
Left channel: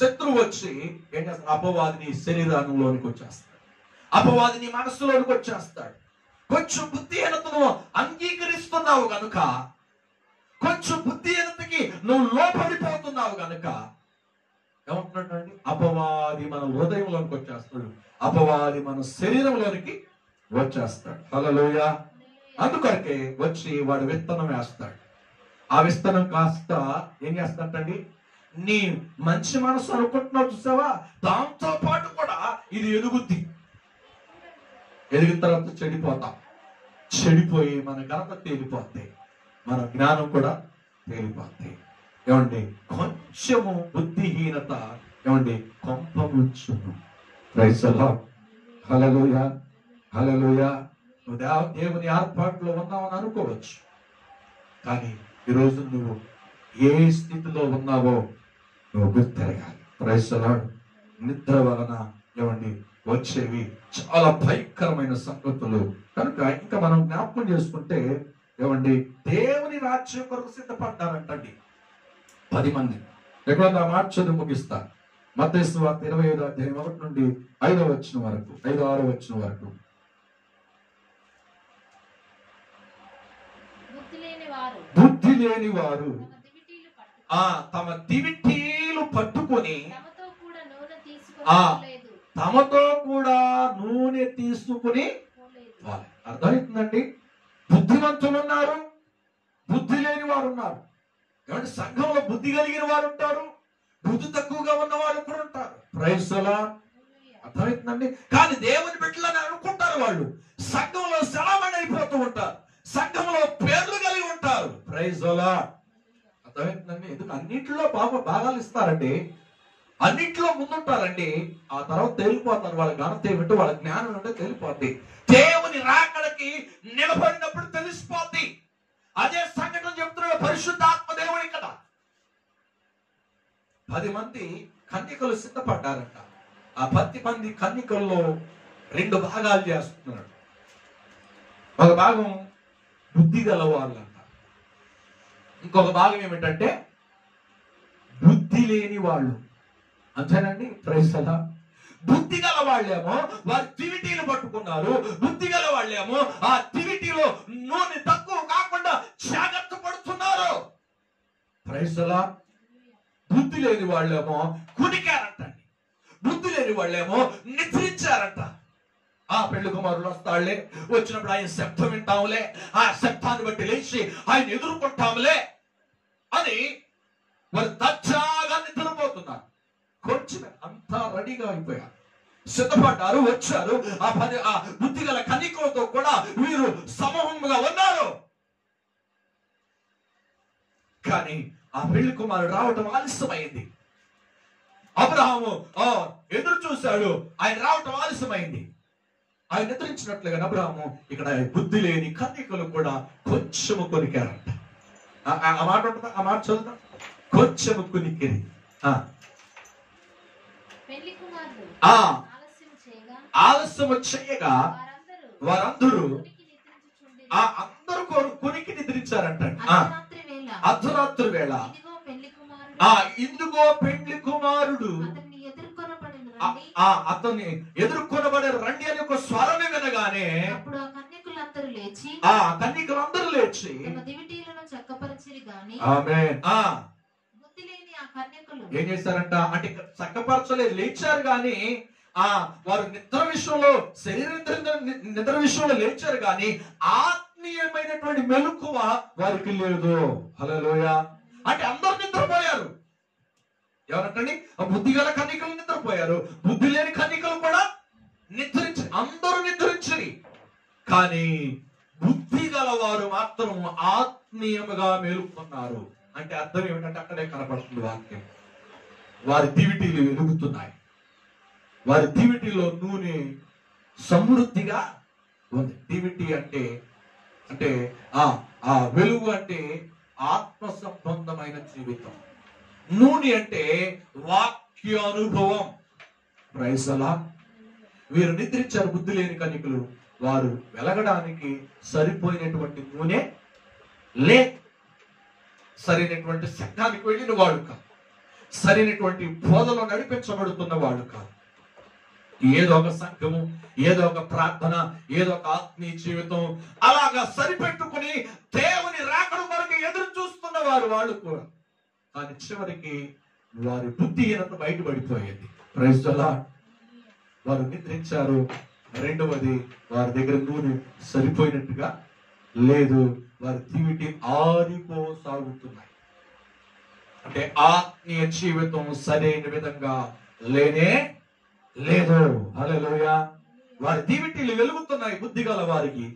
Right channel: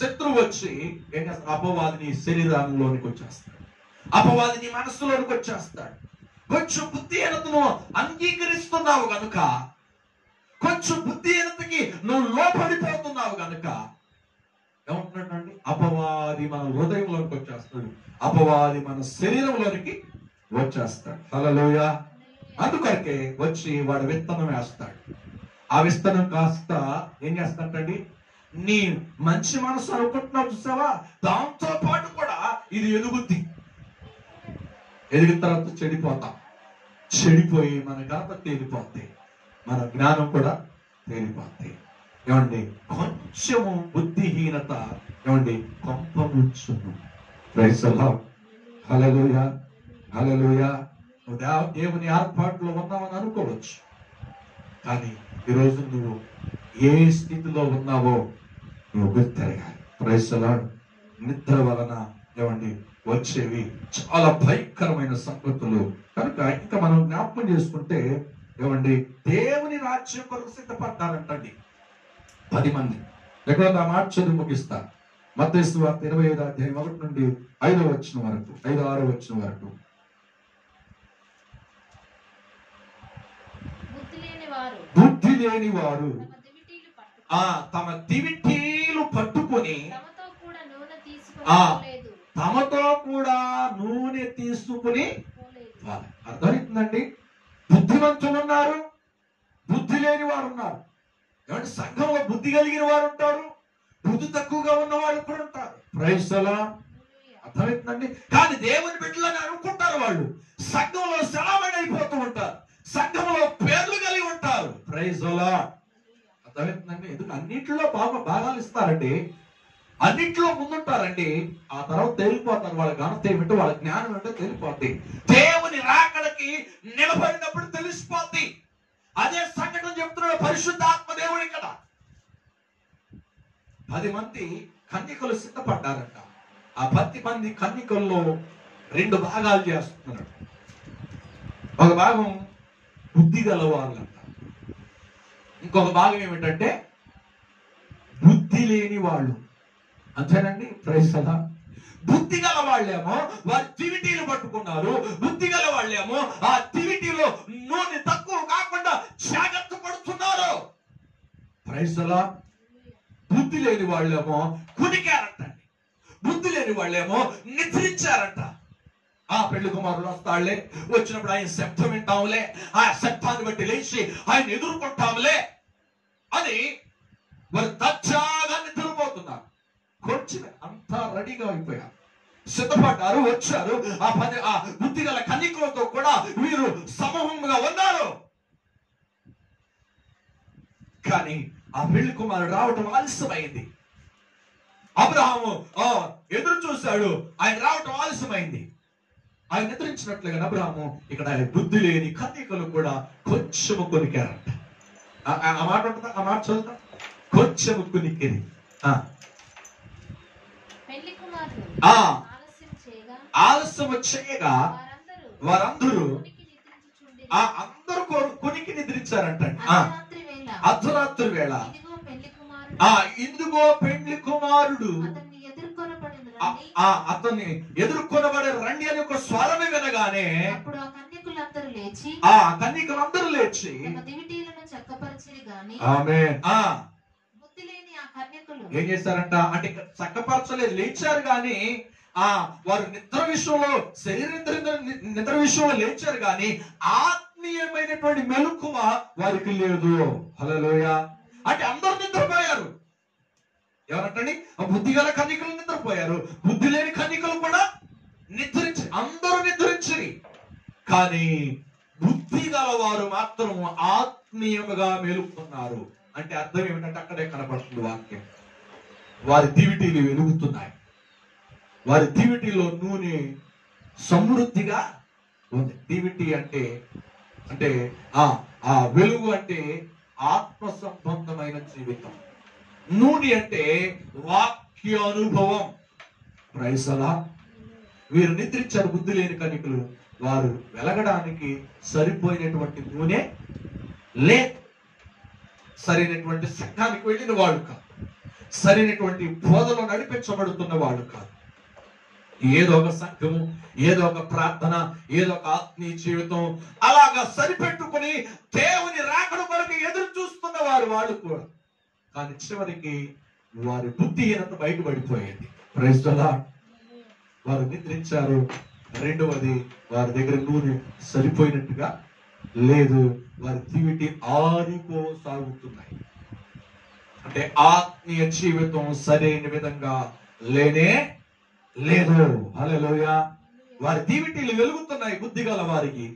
శత్రువు వచ్చి ఏం చేస్తాడు? అపవాదిని శరీరంలోనికి వచ్చేస్తాడు, అపవాదిని మనస్సులోనికి వచ్చేస్తాడు. కొంచెం బుద్ధిహీనతను అంగీకరిస్తున్నావు గనుక, కొంచెం బుద్ధిహీనతకి నువ్వు లోపడిపోతున్నావు గనుక ఏమంటున్నాడు? అపవాది మన హృదయంలోనికి వచ్చేస్తాడు, అపవాది మన శరీరంలోనికి వచ్చేస్తాడు. హల్లెలూయా. అందుకొరకే వచ్చి వాడు విత్తనం వేస్తాడు. ఆ విత్తనం కాస్త ఏం చేస్తాడండి? నీ మంచి మనసు అనుకుంటున్నావు చూసావా, దాంతో పాటు కూడా ఇది ఎదుగుద్ది. ఎదిగిన తర్వాత చెడిపోతాం. చెడిపోయి మన ఘనత తేలిపోతాయి, మన జ్ఞానం కూడా తేలిపోతాయి. ఏమండి? కొంచెము బుద్ధిహీనత ఏమండి కొంపముంచును. ప్రైజ్ ది లార్డ్, హల్లెలూయా, హల్లెలూయా. నువ్వు దేవుని ఏర్పాటులో ఉన్నావని అనుకోవచ్చు, కానీ ఈరోజు నువ్వు ఏ స్థితిలో ఉన్నావో నువ్వు గుర్తెరగాలి. Praise the lord. నిద్ర వలన ఏమండి వచ్చేవి చాలా భయంకరమైన సంగతులు. కనుక ఇంకా మనం జ్ఞాపకం చేసుకుంటే ఏమండి దేవుని రాజ్యం కొరకు సిద్ధపడ్డారంటండి 10 మంది. ఎక్కడ ఆ మాట చదువు ముగిస్తా. మత్తయి సువార్త 25వ అధ్యాయం 1 నుండి 5వ వచనం వరకు, 5-6వ వచనం వరకు. బుద్ధి లేని వారు తమ దివిటీలు పట్టుకొని తమతో కూడా నూనె తీసుకుని. అర్థమవుతుందండి? బుద్ధిమంతులు ఉన్నారు, బుద్ధి లేని వారు ఉన్నారు. ఏమంటే సంఘంలో బుద్ధి కలిగిన వారు ఉంటారు, బుద్ధి తక్కువగా ఉన్న వాళ్ళు కూడా ఉంటారు. Praise the lord. అర్థమవుతుందండి? కానీ దేవుని బిడ్డలని అనుకుంటారు, వాళ్ళు సంఘంలో సెలవుని అయిపోతూ ఉంటారు, సంఘంలో పేర్లు కలిగి ఉంటారు. Praise the lord. అర్థమవుతుందండి? ఎందుకు అన్నింటిలో భాగాలు ఇస్తారండి, అన్నింటిలో ముందుంటారండి. ఆ తర్వాత తేలిపోతారు. వాళ్ళ ఘనత ఏమిటో, వాళ్ళ జ్ఞానం ఏమిటో తేలిపోద్ది. దేవుని రాకడకి నిలబడినప్పుడు తెలిసిపోద్ది. అదే సంఘటన చెప్తున్నాడు పరిశుద్ధాత్మ దేవుడి కదా. 10 మంది కన్యకలు సిద్ధపడ్డారంట. ఆ 10 మంది కన్యకల్లో 2 భాగాలు చేస్తున్నాడు. ఒక భాగం బుద్ధి గల వాళ్ళంట, ఇంకొక భాగం ఏమిటంటే బుద్ధి లేని వాళ్ళు. అంతేనండి. ప్రైజ్ అలా బుద్ధి గల వాళ్ళేమో వారి దివిటీలు పట్టుకున్నారు. బుద్ధి గల వాళ్ళేమో ఆ దివిటీలో నూనె తక్కువ కాకుండా జాగ్రత్త పడుతున్నారు. ప్రైజ్ అలా బుద్ధి లేని వాళ్ళేమో కునికారంటండి. బుద్ధి లేని వాళ్ళేమో నిద్రించారంట. ఆ పెళ్లి కుమారుడు వస్తాళ్లే, వచ్చినప్పుడు ఆయన శబ్దం వింటాంలే, ఆ శబ్దాన్ని బట్టి లేచి ఆయన ఎదుర్కొంటాంలే అని వారు దర్జాగా నిద్రపోతున్నారు. కొంచెం అంతా రెడీగా అయిపోయారు, సిద్ధపడ్డారు, వచ్చారు. ఆ బుద్ధి గల కన్యకలతో కూడా వీరు సమూహంగా ఉన్నారు. కానీ ఆ పెళ్లి కుమారుడు రావటం ఆలస్యమైంది. అబ్రహాము ఎదురు చూశాడు, ఆయన రావటం ఆలస్యమైంది. ఆయన నిద్రించినట్లుగా అబ్రహాము ఇక్కడ బుద్ధి లేని కన్యకలు కూడా కొంచెము కొనికారంట. ఆ మాట ఉంటుందా? ఆ మాట చదువుతా. కొంచెము కొనికిరి. ఆలస్యము చేయగా వారందరూ అందరూ కొనికి నిద్రించారంట. అర్ధరాత్రి వేళ ఇందుగో పెండ్లి కుమారుడు అతన్ని ఎదుర్కొనబడే రండి అని ఒక స్వరమే వినగానే ఆ కన్యకులందరూ లేచి ఏం చేశారంట అంటే చక్కపరచలేదు, లేచారు. గాని వారు నిద్ర విషయంలో నిద్ర విషయంలో లేచారు గాని ఆత్మీయమైనటువంటి మెలకువ వారికి లేదు. హల్లెలూయా. అంటే అందరూ నిద్రపోయారు. ఎవరంటండి? బుద్ధి గల కన్యకలు నిద్రపోయారు, బుద్ధి లేని కన్యకలు కూడా అందరూ నిద్రించి. కానీ బుద్ధి గల వారు మాత్రం ఆత్మీయముగా మేలుకున్నారు. అంటే అర్థం ఏమిటంటే అక్కడే కనపడుతుంది వాక్యం. వారి దివిటీలు వెలుగుతున్నాయి, వారి దివిటీలో నూనె సమృద్ధిగా ఉంది. దివిటి అంటే అంటే ఆ వెలుగు అంటే ఆత్మ సంబంధమైన జీవితం. నూనె అంటే వాక్య అనుభవం. ప్రైజ్ అలా. వీరు నిద్రించారు బుద్ధి లేని కన్యకలు. వారు వెలగడానికి సరిపోయినటువంటి నూనె లేదు. సరైనటువంటి సంఘానికి వెళ్ళిన వాళ్ళు కాదు, సరైనటువంటి బోధలో నడిపించబడుతున్న వాళ్ళు కాదు. ఏదో ఒక సంఘము, ఏదో ఒక ప్రార్థన, ఏదో ఒక ఆత్మీయ జీవితం అలాగా సరిపెట్టుకుని దేవుని రాకడ కొరకు ఎదురు చూస్తున్న వాళ్ళు కూడా. కానీ చివరికి వారి బుద్ధిహీనత బయటపడిపోయింది. Praise the Lord. వారు నిద్రించారు. రెండవది, వారి దగ్గర నూనె సరిపోయినట్టుగా లేదు. వారి దివిటి ఆరిపోసాగుతున్నాయి. అంటే ఆత్మీయ జీవితం సరైన విధంగా లేనే లేదు. హల్లెలూయా. వారి దివిటీలు వెలుగుతున్నాయి బుద్ధి గల వారికి.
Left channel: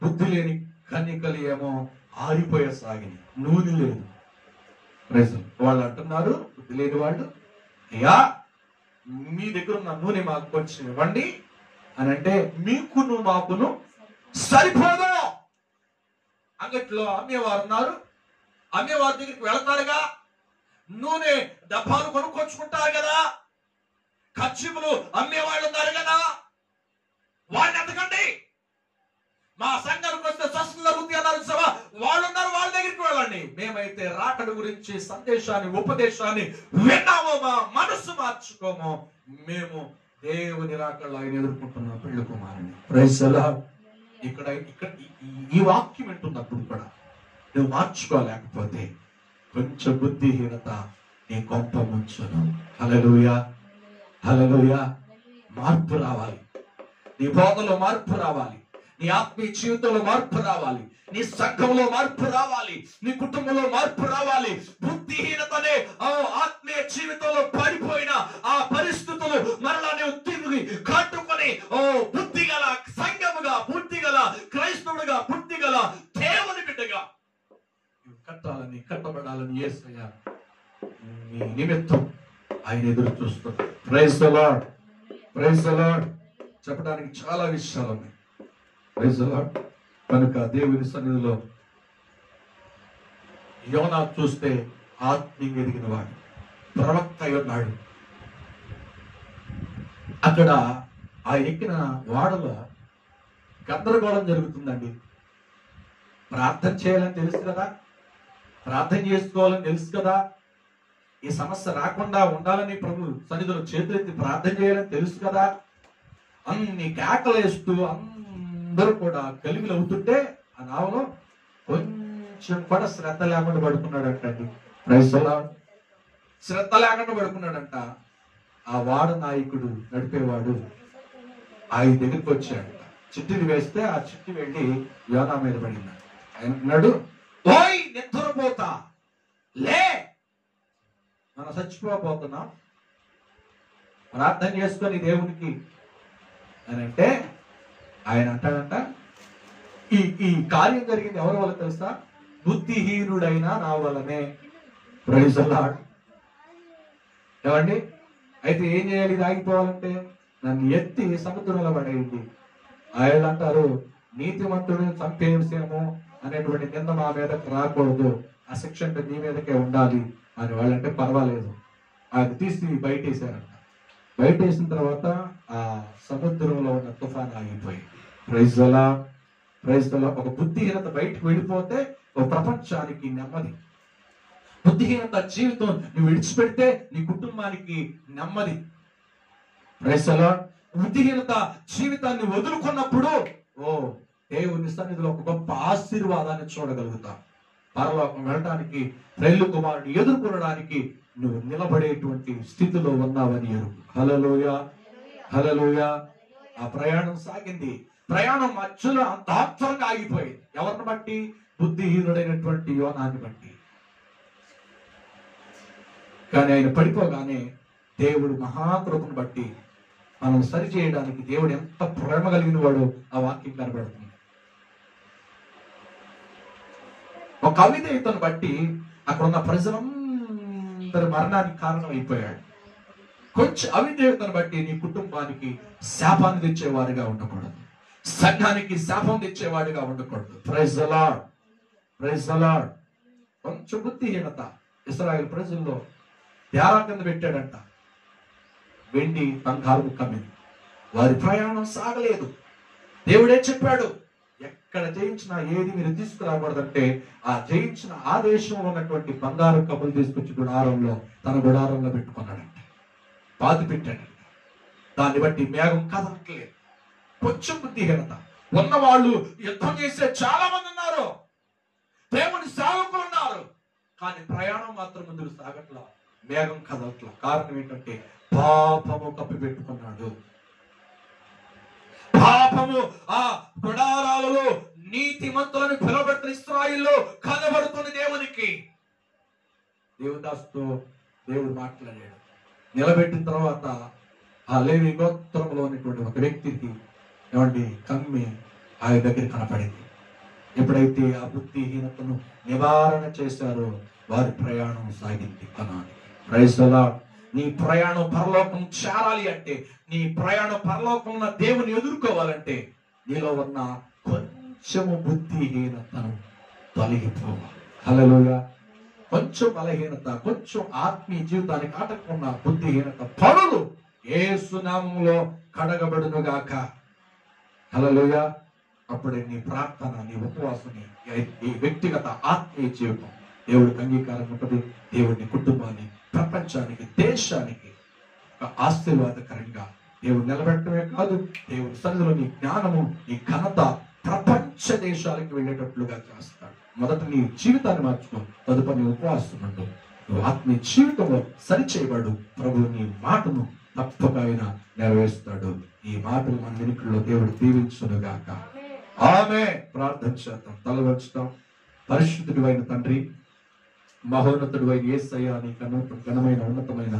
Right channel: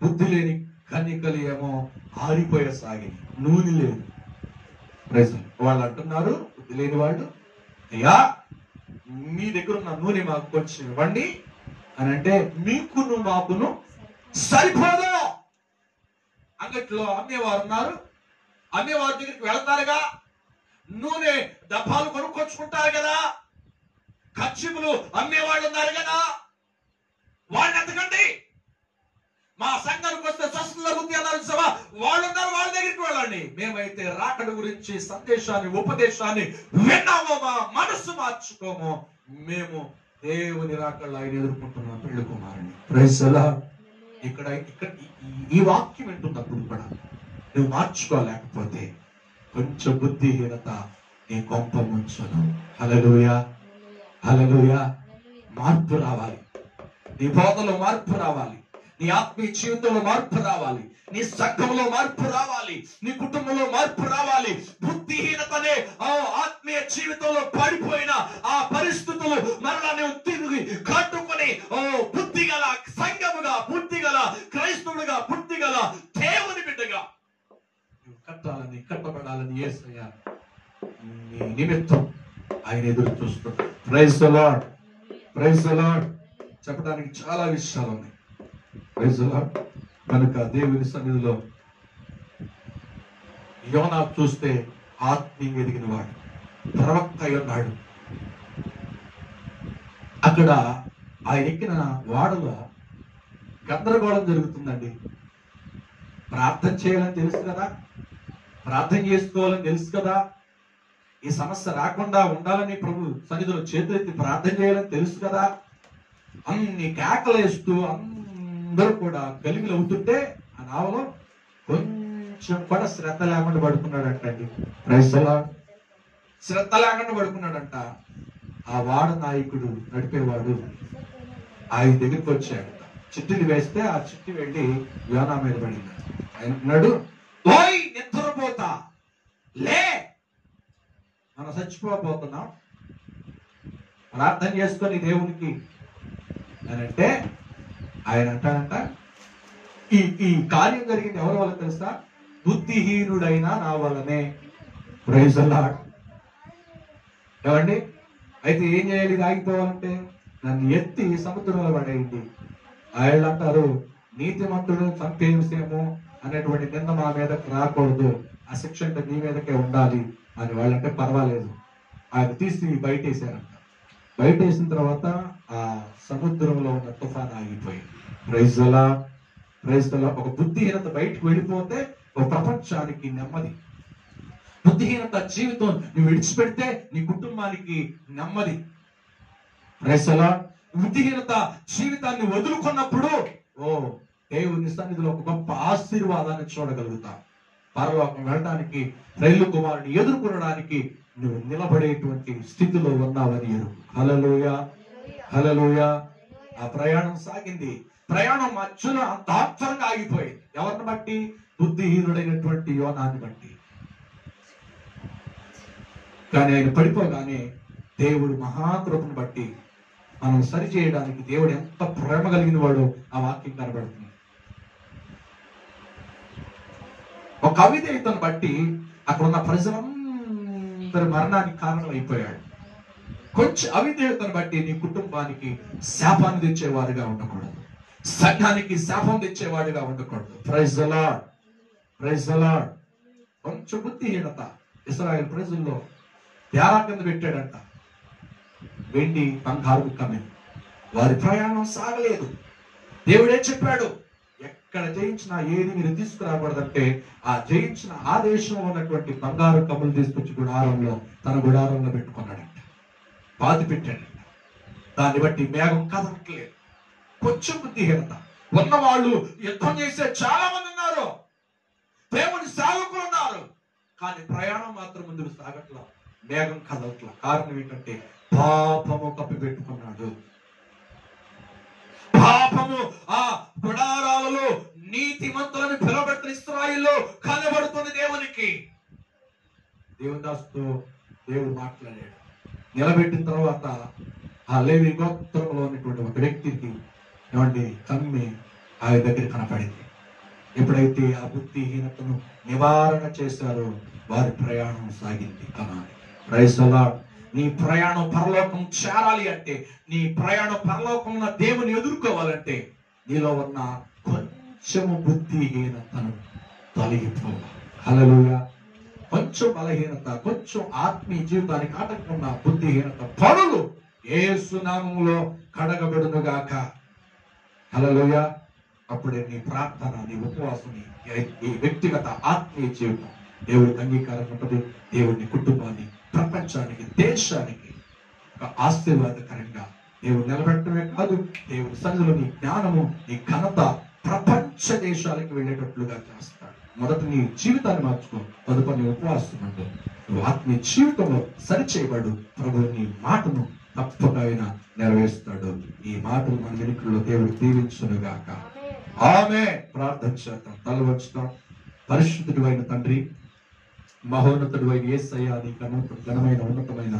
బుద్ధి లేని కన్యకలు ఏమో ఆరిపోయేసాగింది, నూనె లేదు. వాళ్ళు అంటున్నారు, బుద్ధి లేని వాళ్ళు, అయ్యా మీ దగ్గర ఉన్న నూనె మాకు కొంచెం ఇవ్వండి అని అంటే, మీకును మాకును సరిపోదు. అంగట్లో అమ్మేవారు ఉన్నారు, అమ్మేవారి దగ్గరికి వెళతారుగా, నూనె డబ్బాలు కొనుక్కొచ్చుకుంటారు కదా, ఖర్చులు అమ్మేవాళ్ళు ఉన్నారు కదా, వాళ్ళని ఎత్తకండి. మా సంఘానికి వస్తే స్వస్థత బుద్ధి అన్నారు సభ వాళ్ళు ఉన్నారు, వాళ్ళ దగ్గరికి వెళ్ళండి. మేమైతే రాకడ గురించి సందేశాన్ని, ఉపదేశాన్ని విన్నామో, మా మనసు మార్చుకోమో, మేము దేవుని రాకడలో ఆయన ఎదుర్కొంటున్నాం పెళ్లి కుమారుని. Praise the lord. ఇక్కడ ఈ వాక్యం వింటున్నప్పుడు కూడా నువ్వు మార్చుకోలేకపోతే కొంచెం బుద్ధిహీనత నీ కొంప ముంచును. హల్లెలూయా, హల్లెలూయా. మార్పు రావాలి, నీ బోధలో మార్పు రావాలి, నీ ఆత్మీయ జీవితంలో మార్పు రావాలి, నీ సంఘంలో మార్పు రావాలి, నీ కుటుంబంలో మార్పు రావాలి. బుద్ధిహీనతనే ఆత్మీయ జీవితంలో పడిపోయిన ఆ పరిస్థితులు మరలా నువ్వు తిరిగి కట్టుకొని బుద్ధి గల సంఘముగా, బుద్ధి గల క్రైస్తవుడిగా, బుద్ధి గల దేవుని బిడ్డగా నువ్వు కట్టాలని, కట్టబడాలని యేసయ్య నీ నిమిత్తం ఆయన ఎదురు చూస్తున్నాడు. Praise the lord, praise the lord. చెప్పడానికి చాలా విషయాలు ఉన్నాయి. Praise the lord. కనుక దేవుని సన్నిధిలో యోనా చూస్తే ఆత్మీయ ఎదిగిన వాడు, ప్రవక్త అయి ఉన్నాడు. అక్కడ ఆయన ఎక్కిన వాడలో గందరగోళం జరుగుతుందండి. ప్రార్థన చేయాలని తెలుసు కదా, ప్రార్థన చేసుకోవాలని తెలుసు కదా, ఈ సమస్య రాకుండా ఉండాలని ప్రభు సన్నిధిలో చేతులెత్తి ప్రార్థన చేయాలని తెలుసు కదా. అన్ని కేకలు వేస్తూ అందరూ కూడా గలిబిలు అవుతుంటే ఆ నావలో కొంచెం కూడా శ్రద్ధ లేకుండా పడుకున్నాడంటండి. శ్రద్ధ లేకుండా పడుకున్నాడంట. ఆ వాడ నాయకుడు నడిపేవాడు ఆయన దగ్గరికి వచ్చాడు. చిట్టిని వేస్తే ఆ చిట్టి వెళ్ళి యోనా మీద పడింది. ఆయన అన్నాడు, ఓయ్ నిద్రపోతా లే, మనం చచ్చిపోతున్నాం, ప్రార్థన చేసుకొని దేవునికి అని అంటే ఆయన అంటాడంట, ఈ కార్యం జరిగింది ఎవరి వల్ల తెలుసా? బుద్ధిహీనుడైనా నా వల్లనే. Praise the lord. ఏమండి, అయితే ఏం చేయాలి ఇది ఆగిపోవాలంటే? నన్ను ఎత్తి సముద్రంలో పడేయండి. ఆయన అంటారు, నీతిమంతుడు చంపేసేమో అనేటువంటి నింద మా మీదకి రాకూడదు, ఆ శిక్ష అంటే నీ మీదకే ఉండాలి అని వాళ్ళంటే పర్వాలేదు. ఆయన తీసి బయటేసారంట. బయటేసిన తర్వాత ఆ సముద్రంలో ఉన్న తుఫాన్ ఆగిపోయింది. Praise the lord. Praise the lord. ఒక బుద్ధిహీనత బయటకు వెళ్ళిపోతే ఒక ప్రపంచానికి నెమ్మది. బుద్ధిహీనత జీవితం నువ్వు విడిచిపెడితే నీ కుటుంబానికి నెమ్మది. Praise the lord. బుద్ధిహీనత జీవితాన్ని వదులుకున్నప్పుడు దేవుని సన్నిధిలో ఒక గొప్ప ఆశీర్వాదాన్ని చూడగలుగుతావు. పరలోకం వెళ్ళడానికి, రైలు కుమారుని ఎదుర్కొనడానికి నువ్వు నిలబడేటువంటి స్థితిలో ఉన్నావని ఎరుగు. హల్లెలూయా, హల్లెలూయా. ఆ ప్రయాణం సాగింది. ప్రయాణం మధ్యలో అంత ఆత్మరంగా ఆగిపోయింది. ఎవరిని బట్టి? బుద్ధిహీనుడైనటువంటి యోనాన్ని బట్టి. కానీ ఆయన పడిపోగానే దేవుడు మహాకృపను బట్టి మనం సరి చేయడానికి దేవుడు ఎంత ప్రేమ కలిగిన వాడో ఆ వాక్యం కనబడుతుంది. ఒక అవిధేయతను బట్టి అక్కడ ఉన్న ప్రజలందరి మరణానికి కారణం అయిపోయాడు. కొంచెం అవిధేయతను బట్టి నీ కుటుంబానికి శాపాన్ని తెచ్చేవాడిగా ఉండకూడదు, సంఘానికి శాపం తెచ్చేవాడిగా ఉండకూడదు. Praise the lord, praise the lord. కొంచెం బుద్ధిహీనత ఇశ్రాయేలు ప్రజల్లో తేరా కింద పెట్టాడంట. వెండి బంగారు కమ్మింది. వారి ప్రయాణం సాగలేదు. దేవుడే చెప్పాడు, ఎక్కడ జయించినా ఏది మీరు తీసుకురాకూడదంటే ఆ జయించిన ఆ దేశంలో ఉన్నటువంటి బంగారు కమ్ములు తీసుకొచ్చి గుడారంలో, తన గుడారంలో పెట్టుకున్నాడంట, బాధి పెట్టాడంట. దాన్ని బట్టి మేఘం కదలట్లేదు. కొంచెం బుద్ధిహీనత ఉన్నవాళ్ళు యుద్ధం చేసే చాలా మంది ఉన్నారు, దేవుని సేవకులు ఉన్నారు, కానీ ప్రయాణం మాత్రం ముందుకు సాగట్లా, మేఘం కదలట్లా. కారణం ఏంటంటే పాపము కప్పి పెట్టుకున్నాడు. పాపము ఆ గుడారాలలో నీతిమంతులను పిలవబెట్టిన ఇశ్రాయేలులో కనబడుతుంది దేవునికి. దేవదాసుతో దేవుడు మాట్లాడాడు. నిలబెట్టిన తర్వాత ఆ లేవి గోత్రంలో ఉన్నటువంటి ఒక వ్యక్తికి ఏమండి కమ్మి ఆయన దగ్గర కనపడింది. ఎప్పుడైతే ఆ బుద్ధిహీనతను నివారణ చేశారో వారి ప్రయాణం సాగింది కనానికి. Praise the lord. నీ ప్రయాణం పరలోకం చేరాలి అంటే, నీ ప్రయాణం పరలోకంలో దేవుని ఎదుర్కోవాలంటే నీలో ఉన్న కొంచెము బుద్ధిహీనతను తొలగిపోవాలి. హల్లెలూయా. కొంచెం బలహీనత, కొంచెం ఆత్మీయ జీవితానికి ఆటంకం బుద్ధిహీనత పనులు యేసు నామములో కడగబడునుగాక. హల్లెలూయా. అప్పుడే నీ ప్రార్థన, నీ ఉపవాసం, నీ వ్యక్తిగత ఆత్మీయ జీవితం దేవుడికి అంగీకారం ఉంటుంది. దేవుడిని, కుటుంబాన్ని, ప్రపంచానికి, దేశానికి ఒక ఆశీర్వాదకరంగా దేవుడు నిలబెట్టడమే కాదు, దేవుడి సన్నిధిలో నీ జ్ఞానము, నీ ఘనత ప్రపంచ దేశాలకు వెళ్ళేటట్లుగా చేస్తాడు. మొదట నీ జీవితాన్ని మార్చుకో, తదుపరి నీ ఉపవాసం ఉండు. నువ్వు ఆత్మీయ జీవితంలో సరిచేయబడు. ప్రభు నీ మాటను తప్పక ఆయన నెరవేరుస్తాడు. ఈ మాటలు మన వెనుకల్లో దేవుడు దీవించునుగాక. ఆమె. ప్రార్థన చేద్దాం, తల వంచుతాం. పరిశుద్ధుడు అయిన తండ్రి, మహోన్నతుడు అయిన యేసయ్య, నీ ఘనమైన ఉన్నతమైన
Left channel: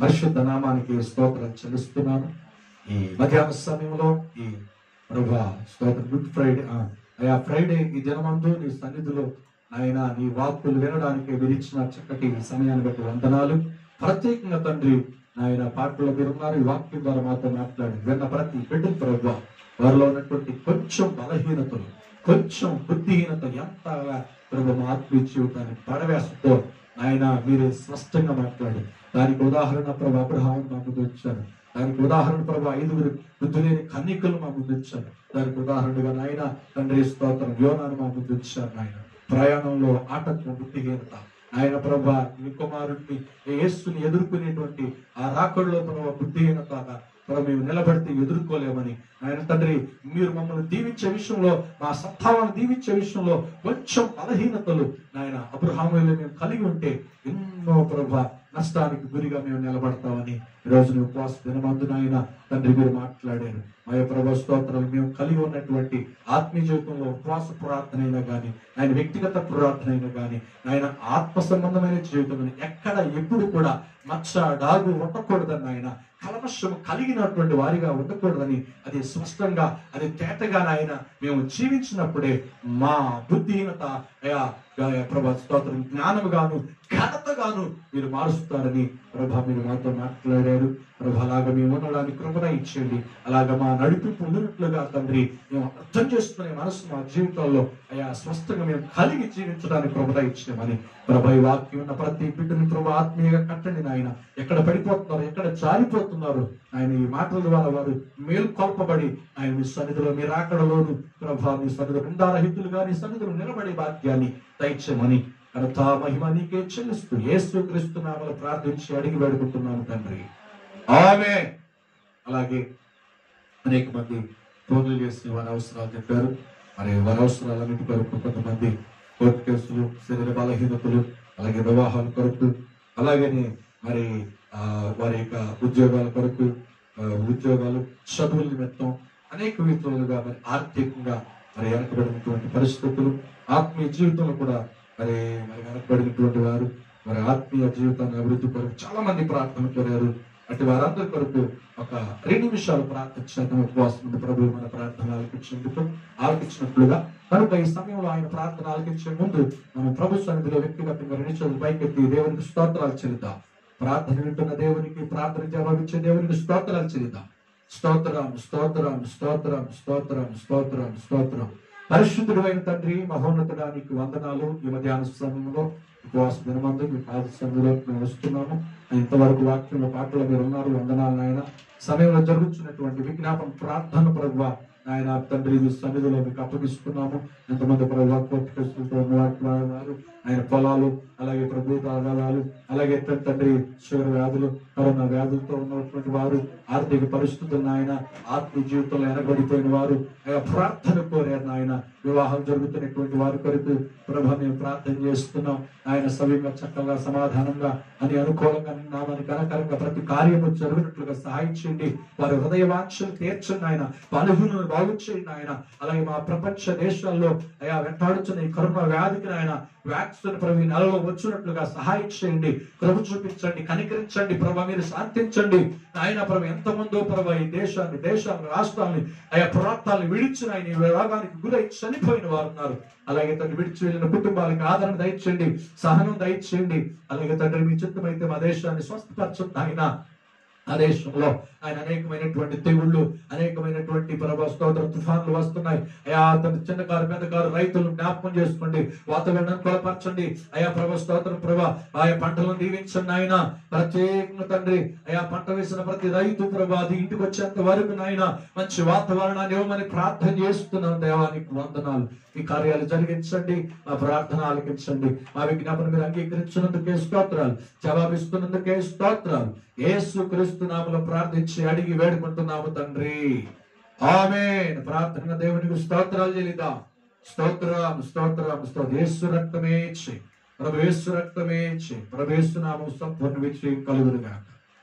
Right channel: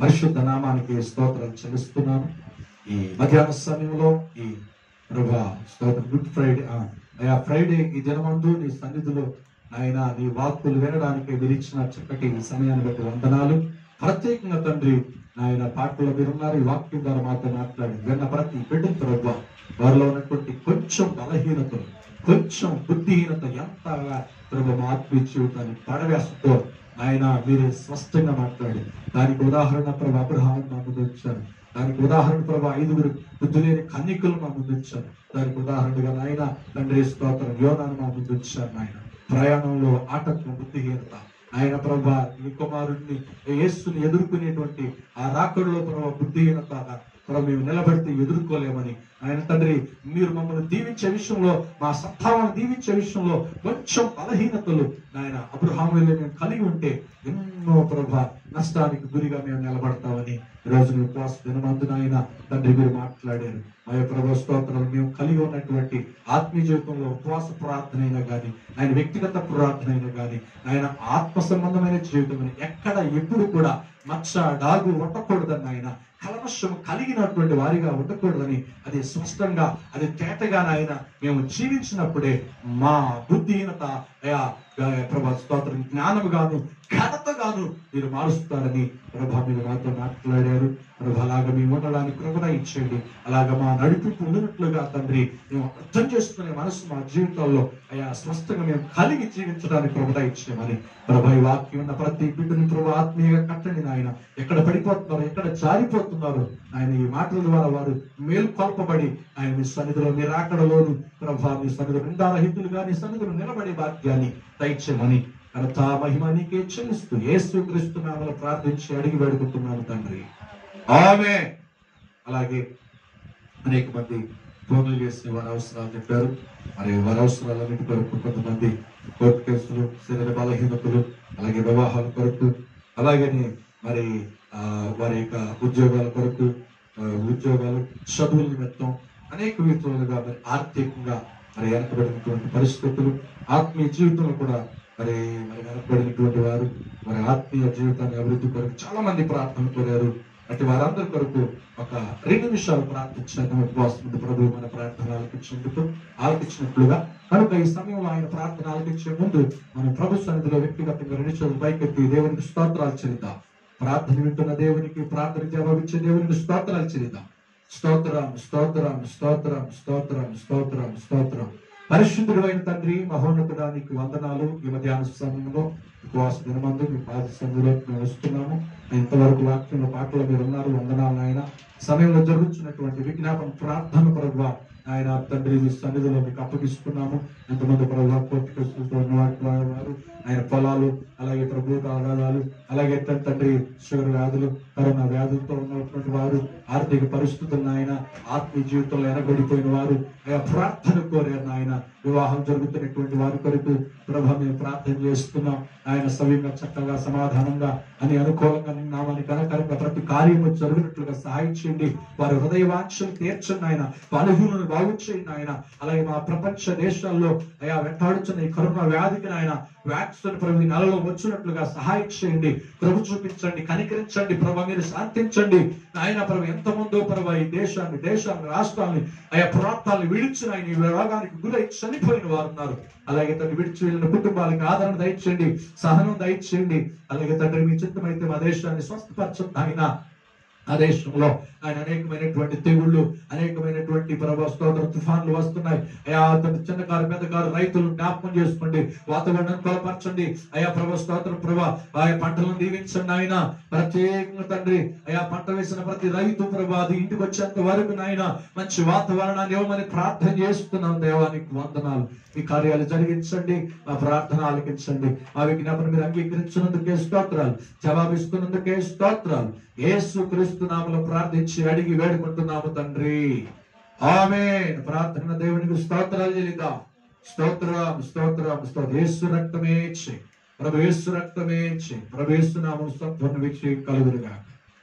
పరిశుద్ధ నామానికి స్తోత్రం చెల్లిస్తున్నాను. ఈ మధ్యాహ్న సమయంలో ఈ ప్రభా స్తోత్రం, గుడ్ ఫ్రైడే, ఫ్రైడే ఈ దినమందు నీ సన్నిధిలో ఆయన నీ వాక్కులు వినడానికి విరిచిన చక్కటి సమయాన్ని బట్టి వందనాలు. ప్రత్యేకంగా తండ్రి ఆయన పాటల్లో మీరు ఉన్నారు, ఈ వాక్యం ద్వారా మాతో మాట్లాడి విన్న ప్రతి బిడ్డలు ప్రభా వారిలో ఉన్నటువంటి కొంచెం బలహీనతలు, కొంచెం బుద్ధిహీనత ఎంతగా ప్రభు మా ఆత్మీయ జీవితాన్ని పడవేస్తూ ఆయన మీరే స్పష్టంగా మాట్లాడి, దానికి ఉదాహరణ ప్రభు అబ్రహాము మా ముందు వచ్చారు, దానికి ఉదాహరణ ప్రభు 5 బుద్ధి లేని కన్యకలు మా ముందు వచ్చారు, దానికి ఉదాహరణగా నాయన తండ్రి స్తోత్రం యోనాను మా ముందు వచ్చారు. నాయన ప్రయాణంలో ఆటంకం, బుద్ధిహీనత, ఆయన ప్రభా నీ కుమారుడిని యేసుని ఎదుర్కొనేటువంటి ఆ రాకడలో ప్రభా బుద్ధిహీనత ప్రభు మేము నిలబడితే ఎదుర్కోలేమని ఆయన తండ్రి మీరు మమ్మల్ని దీవించే విషయంలో మా సత్తాలను దీవించే విషయంలో కొంచెం బలహీనతలు ఆయన అబ్రహాములో మేము కలిగి ఉంటే ఎన్నో ప్రభా నష్టానికి గురిగా మేము నిలబడతామని ఈరోజు నువ్వు ఉపవాస దినమందున ఆయన తండ్రి మీరు మాట్లాడారు మా యొక్క ప్రభు స్తోత్రాలు మేము కలిగి ఉన్నటువంటి ఆత్మీయ జీవితంలో ఉపవాస ప్రార్థన అయినా కానీ ఆయన వ్యక్తిగత ప్రార్థన అయినా కానీ ఆయన ఆత్మ సంబంధమైన జీవితం ఎక్కడ ఎప్పుడు కూడా మచ్చ డాగు ఉండకూడదని ఆయన కల్మషం కలిగినటువంటి వారిగా ఉండకూడదని అది స్పష్టంగా అది తేటగా ఆయన మేము జీవించినప్పుడే మా బుద్ధిహీనత ప్రభా స్తోత్రం జ్ఞానముగాను ఘనతగాను మీరు మారుస్తారని ప్రభా మీరు మాతో మాట్లాడారు ప్రభా అలాగా మేము ఉండడానికి కృపణ ఇచ్చేయండి అలాగా మా నడిపింపు ఉన్నట్లుగా తండ్రి మేము అర్థం చేసుకునే మనసు మా జీవితాల్లో స్వస్థంగా మేము కలిగి జీవించడానికి కృపణ ఇచ్చేమని ప్రభా ఈ వాక్యం ఉన్న ప్రతి బిడ్డని ప్రభా ఆత్మీయంగా కట్టండి నాయన ఎక్కడ పడిపోతున్నారు ఎక్కడ జారిపోతున్నారు ఆయన ఈ మాటల ద్వారా వారు మేల్కొల్పబడి ఆయన మీ సన్నిధిలో మీరు ఆకడలోను ప్రభా మీ సన్నిధిలో నిందారహితులుగా నీ సన్నిధిలో నిలబడే భాగ్యాన్ని దయచేయమని ఘనత మహిమ నీకే చెల్లిస్తూ యేసుక్రీస్తు నామములో ప్రార్థించి అడిగి వేడుకుంటున్నాను తండ్రి ఆమేన్. అలాగే అనేక మంది ఫోన్లు చేసి వారి అవసరాలు చెప్పారు. మరి వారి అవసరాలన్నిటి కొరకు కొంతమంది కోర్టు కేసులు, శరీర బలహీనతలు, అలాగే వివాహాల కొరకు, అలాగనే మరి వారి యొక్క ఉద్యోగాల కొరకు, ఉద్యోగాలు, చదువుల నిమిత్తం అనేక విధాలుగా మరి ఆర్థికంగా మరి వెనకబడినటువంటి పరిస్థితులు, ఆత్మీయ జీవితంలో కూడా మరి వెనకబడినటువంటి వారు మరి ఆత్మీయ జీవితాన్ని అభివృద్ధి కొరకు చాలా మంది ప్రార్థన కోరారు. అటు వారందరి కొరకు ఒక 2 నిమిషాలు ప్రార్థించిన ఉపవాసం ప్రభు మన ప్రార్థన ఆలకించినట్లుగా కనుక ఈ సమయంలో ఆయన ప్రార్థన ఆలకించే ముందు మనం ప్రభు సన్నిధిలో వ్యక్తిగతంగా 2 నిమిషాలు పైకెత్తి దేవునికి స్తోత్రాలు చెల్లిద్దాం. ప్రార్థన వింటున్న దేవునికి, ప్రార్థన జవాబిచ్చే దేవునికి స్తోత్రాలు చెల్లిద్దాం. స్తోత్రం స్తోత్రం స్తోత్రం స్తోత్రం స్తోత్రం స్తోత్రం. పరిశుద్ధుడు అయిన తండ్రి, మహోన్నతుడానికి వందనాలు. ఈ మధ్యాహ్న సమయంలో ఉపవాస దినమందు మీ పాద సన్నిధిలో మేము వస్తున్నాము. ఇంతవరకు వాక్యంలో పాటలో మీరు ఉన్నారు. వందనాలు ఆయన. సమయంలో జరుగుతున్నటువంటి విజ్ఞాపన ప్రార్థన పరుగువ ఆయన తండ్రి సన్నిధిలో మీకు అప్పగిస్తున్నాము. ఎంతమంది ప్రభు కోర్టు కేసులతో ఉన్నవారు, ఆయన పొలాలు, అలాగే ప్రభు ఆదాయాలు, అలాగే తండ్రి షుగర్ వ్యాధులు, కరోనా వ్యాధులతో ఉన్నటువంటి వారు, ఆర్థిక పరిస్థితులను ఆయన ఆత్మీయ జీవితంలో ఎనబడిపోయిన వారు ఆయన ప్రార్థన కోరారు. ఆయన వివాహం జరుగుతున్నటువంటి వారి కొరకు ప్రభు మేము ప్రార్థన చేస్తున్నాం. ఆయన సవ్యంగా, చక్కగా, సమాధానంగా అని అనుకూలంగా నామని కనకరంగా ప్రతి కార్యము జరుగునట్లుగా సహాయం చేయండి. వారి హృదయ వాంఛలు తీర్చండి ఆయన. బలహీనను బాగు చేయండి ఆయన. అలాగే మా ప్రపంచ దేశాల్లో వెంటాడుతున్న ఈ కరోనా వ్యాధికి ఆయన వ్యాక్సిన్ ప్రభు నెలలో వచ్చినట్లుగా సహాయం చేయండి. ప్రభు చూపించండి, కనికరించండి ప్రభు. మీరు శాంతించండి ఆయన. ప్రభు ఎంతమందో ప్రభు ఈ దేశాన్ని, రాష్ట్రాన్ని, ప్రాంతాలను విడిచిన ఆయన ఈ రోగానికి గురై చనిపోయిన వారు ఉన్నారు. అలాగే తండ్రి విడిచి వెళ్ళిన కుటుంబాలకు ఆదరణ దయచేయండి, సహనం దయచేయండి. అలాగే తండ్రి మీ చిత్తమైతే మా దేశాన్ని స్వస్థపరచండి ఆయన. ఆ దేశంలో ఆయన అనేకమైనటువంటి తెగుళ్ళు, అనేకమైనటువంటి ప్రభా స్తోత్ర తుఫాన్లు వస్తున్నాయి. తండ్రి చిన్నకారు, పెద్దకారు రైతులు జ్ఞాపకం చేసుకోండి. వాతావరణాన్ని బలపరచండి ప్రభా స్తోత్ర ప్రభా. పంటలను దీవించండి ఆయన. ప్రత్యేకంగా తండ్రి పంట వేసిన ప్రతి రైతు ప్రభా అది ఇంటికి వచ్చేంత వరకు నాయన మంచి వాతావరణాన్ని ఇవ్వమని ప్రార్థన చేస్తున్నాం. దేవానికి వందనాలు. ఈ కార్యాలు జరిగించండి. మా ప్రార్థన ఆలకించండి. మా విజ్ఞాపన మీరు అంగీకరించినందుకే స్తోత్రాలు, జవాబిస్తున్నందుకే స్తోత్రాలు. యేసు క్రీస్తు నామములో ప్రార్థించి అడిగి వేడుకుంటున్నాము తండ్రి. ఆమేన్. ప్రార్థన దేవునికి స్తోత్రాలు చెల్లిద్దాం. స్తోత్రం స్తోత్రం స్తోత్రం. యేసు రక్తమే చేయి ప్రభు, యేసు రక్తమే చేయి ప్రభు. యేసు నామము సంపూర్ణ విజయం కలుగునుగా.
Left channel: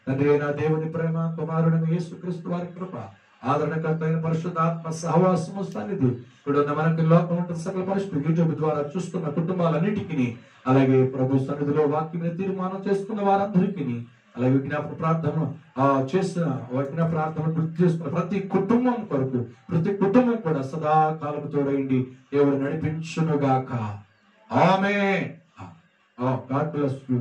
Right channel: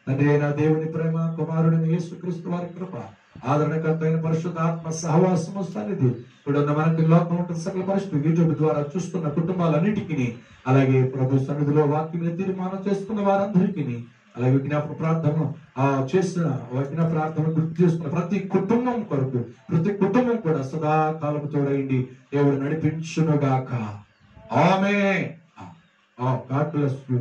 తండ్రి అయిన దేవుని ప్రేమ, కుమారుడైన యేసు క్రీస్తు వారి కృప, ఆదరణకర్త అయిన పరిశుద్ధాత్మ సహవాసము సన్నిధి ఇప్పుడున్న మనకి లోకం ఉంటుంది సకల పరిస్థితి యూట్యూబ్ ద్వారా చూస్తున్న కుటుంబాలన్నిటికీ, అలాగే ప్రభు సన్నిధిలో వాక్యం తీర్మానం చేసుకున్న వారందరికీ, అలాగే విజ్ఞాపన ప్రార్థన చేసిన విజ్ఞాపన ప్రార్థన గుర్తు చేస్తున్న ప్రతి కుటుంబం కొరకు, ప్రతి కుటుంబం కూడా సదాకాలం తోడైంది దేవుడు నడిపించునుగాక. ఆమేన్. God bless you.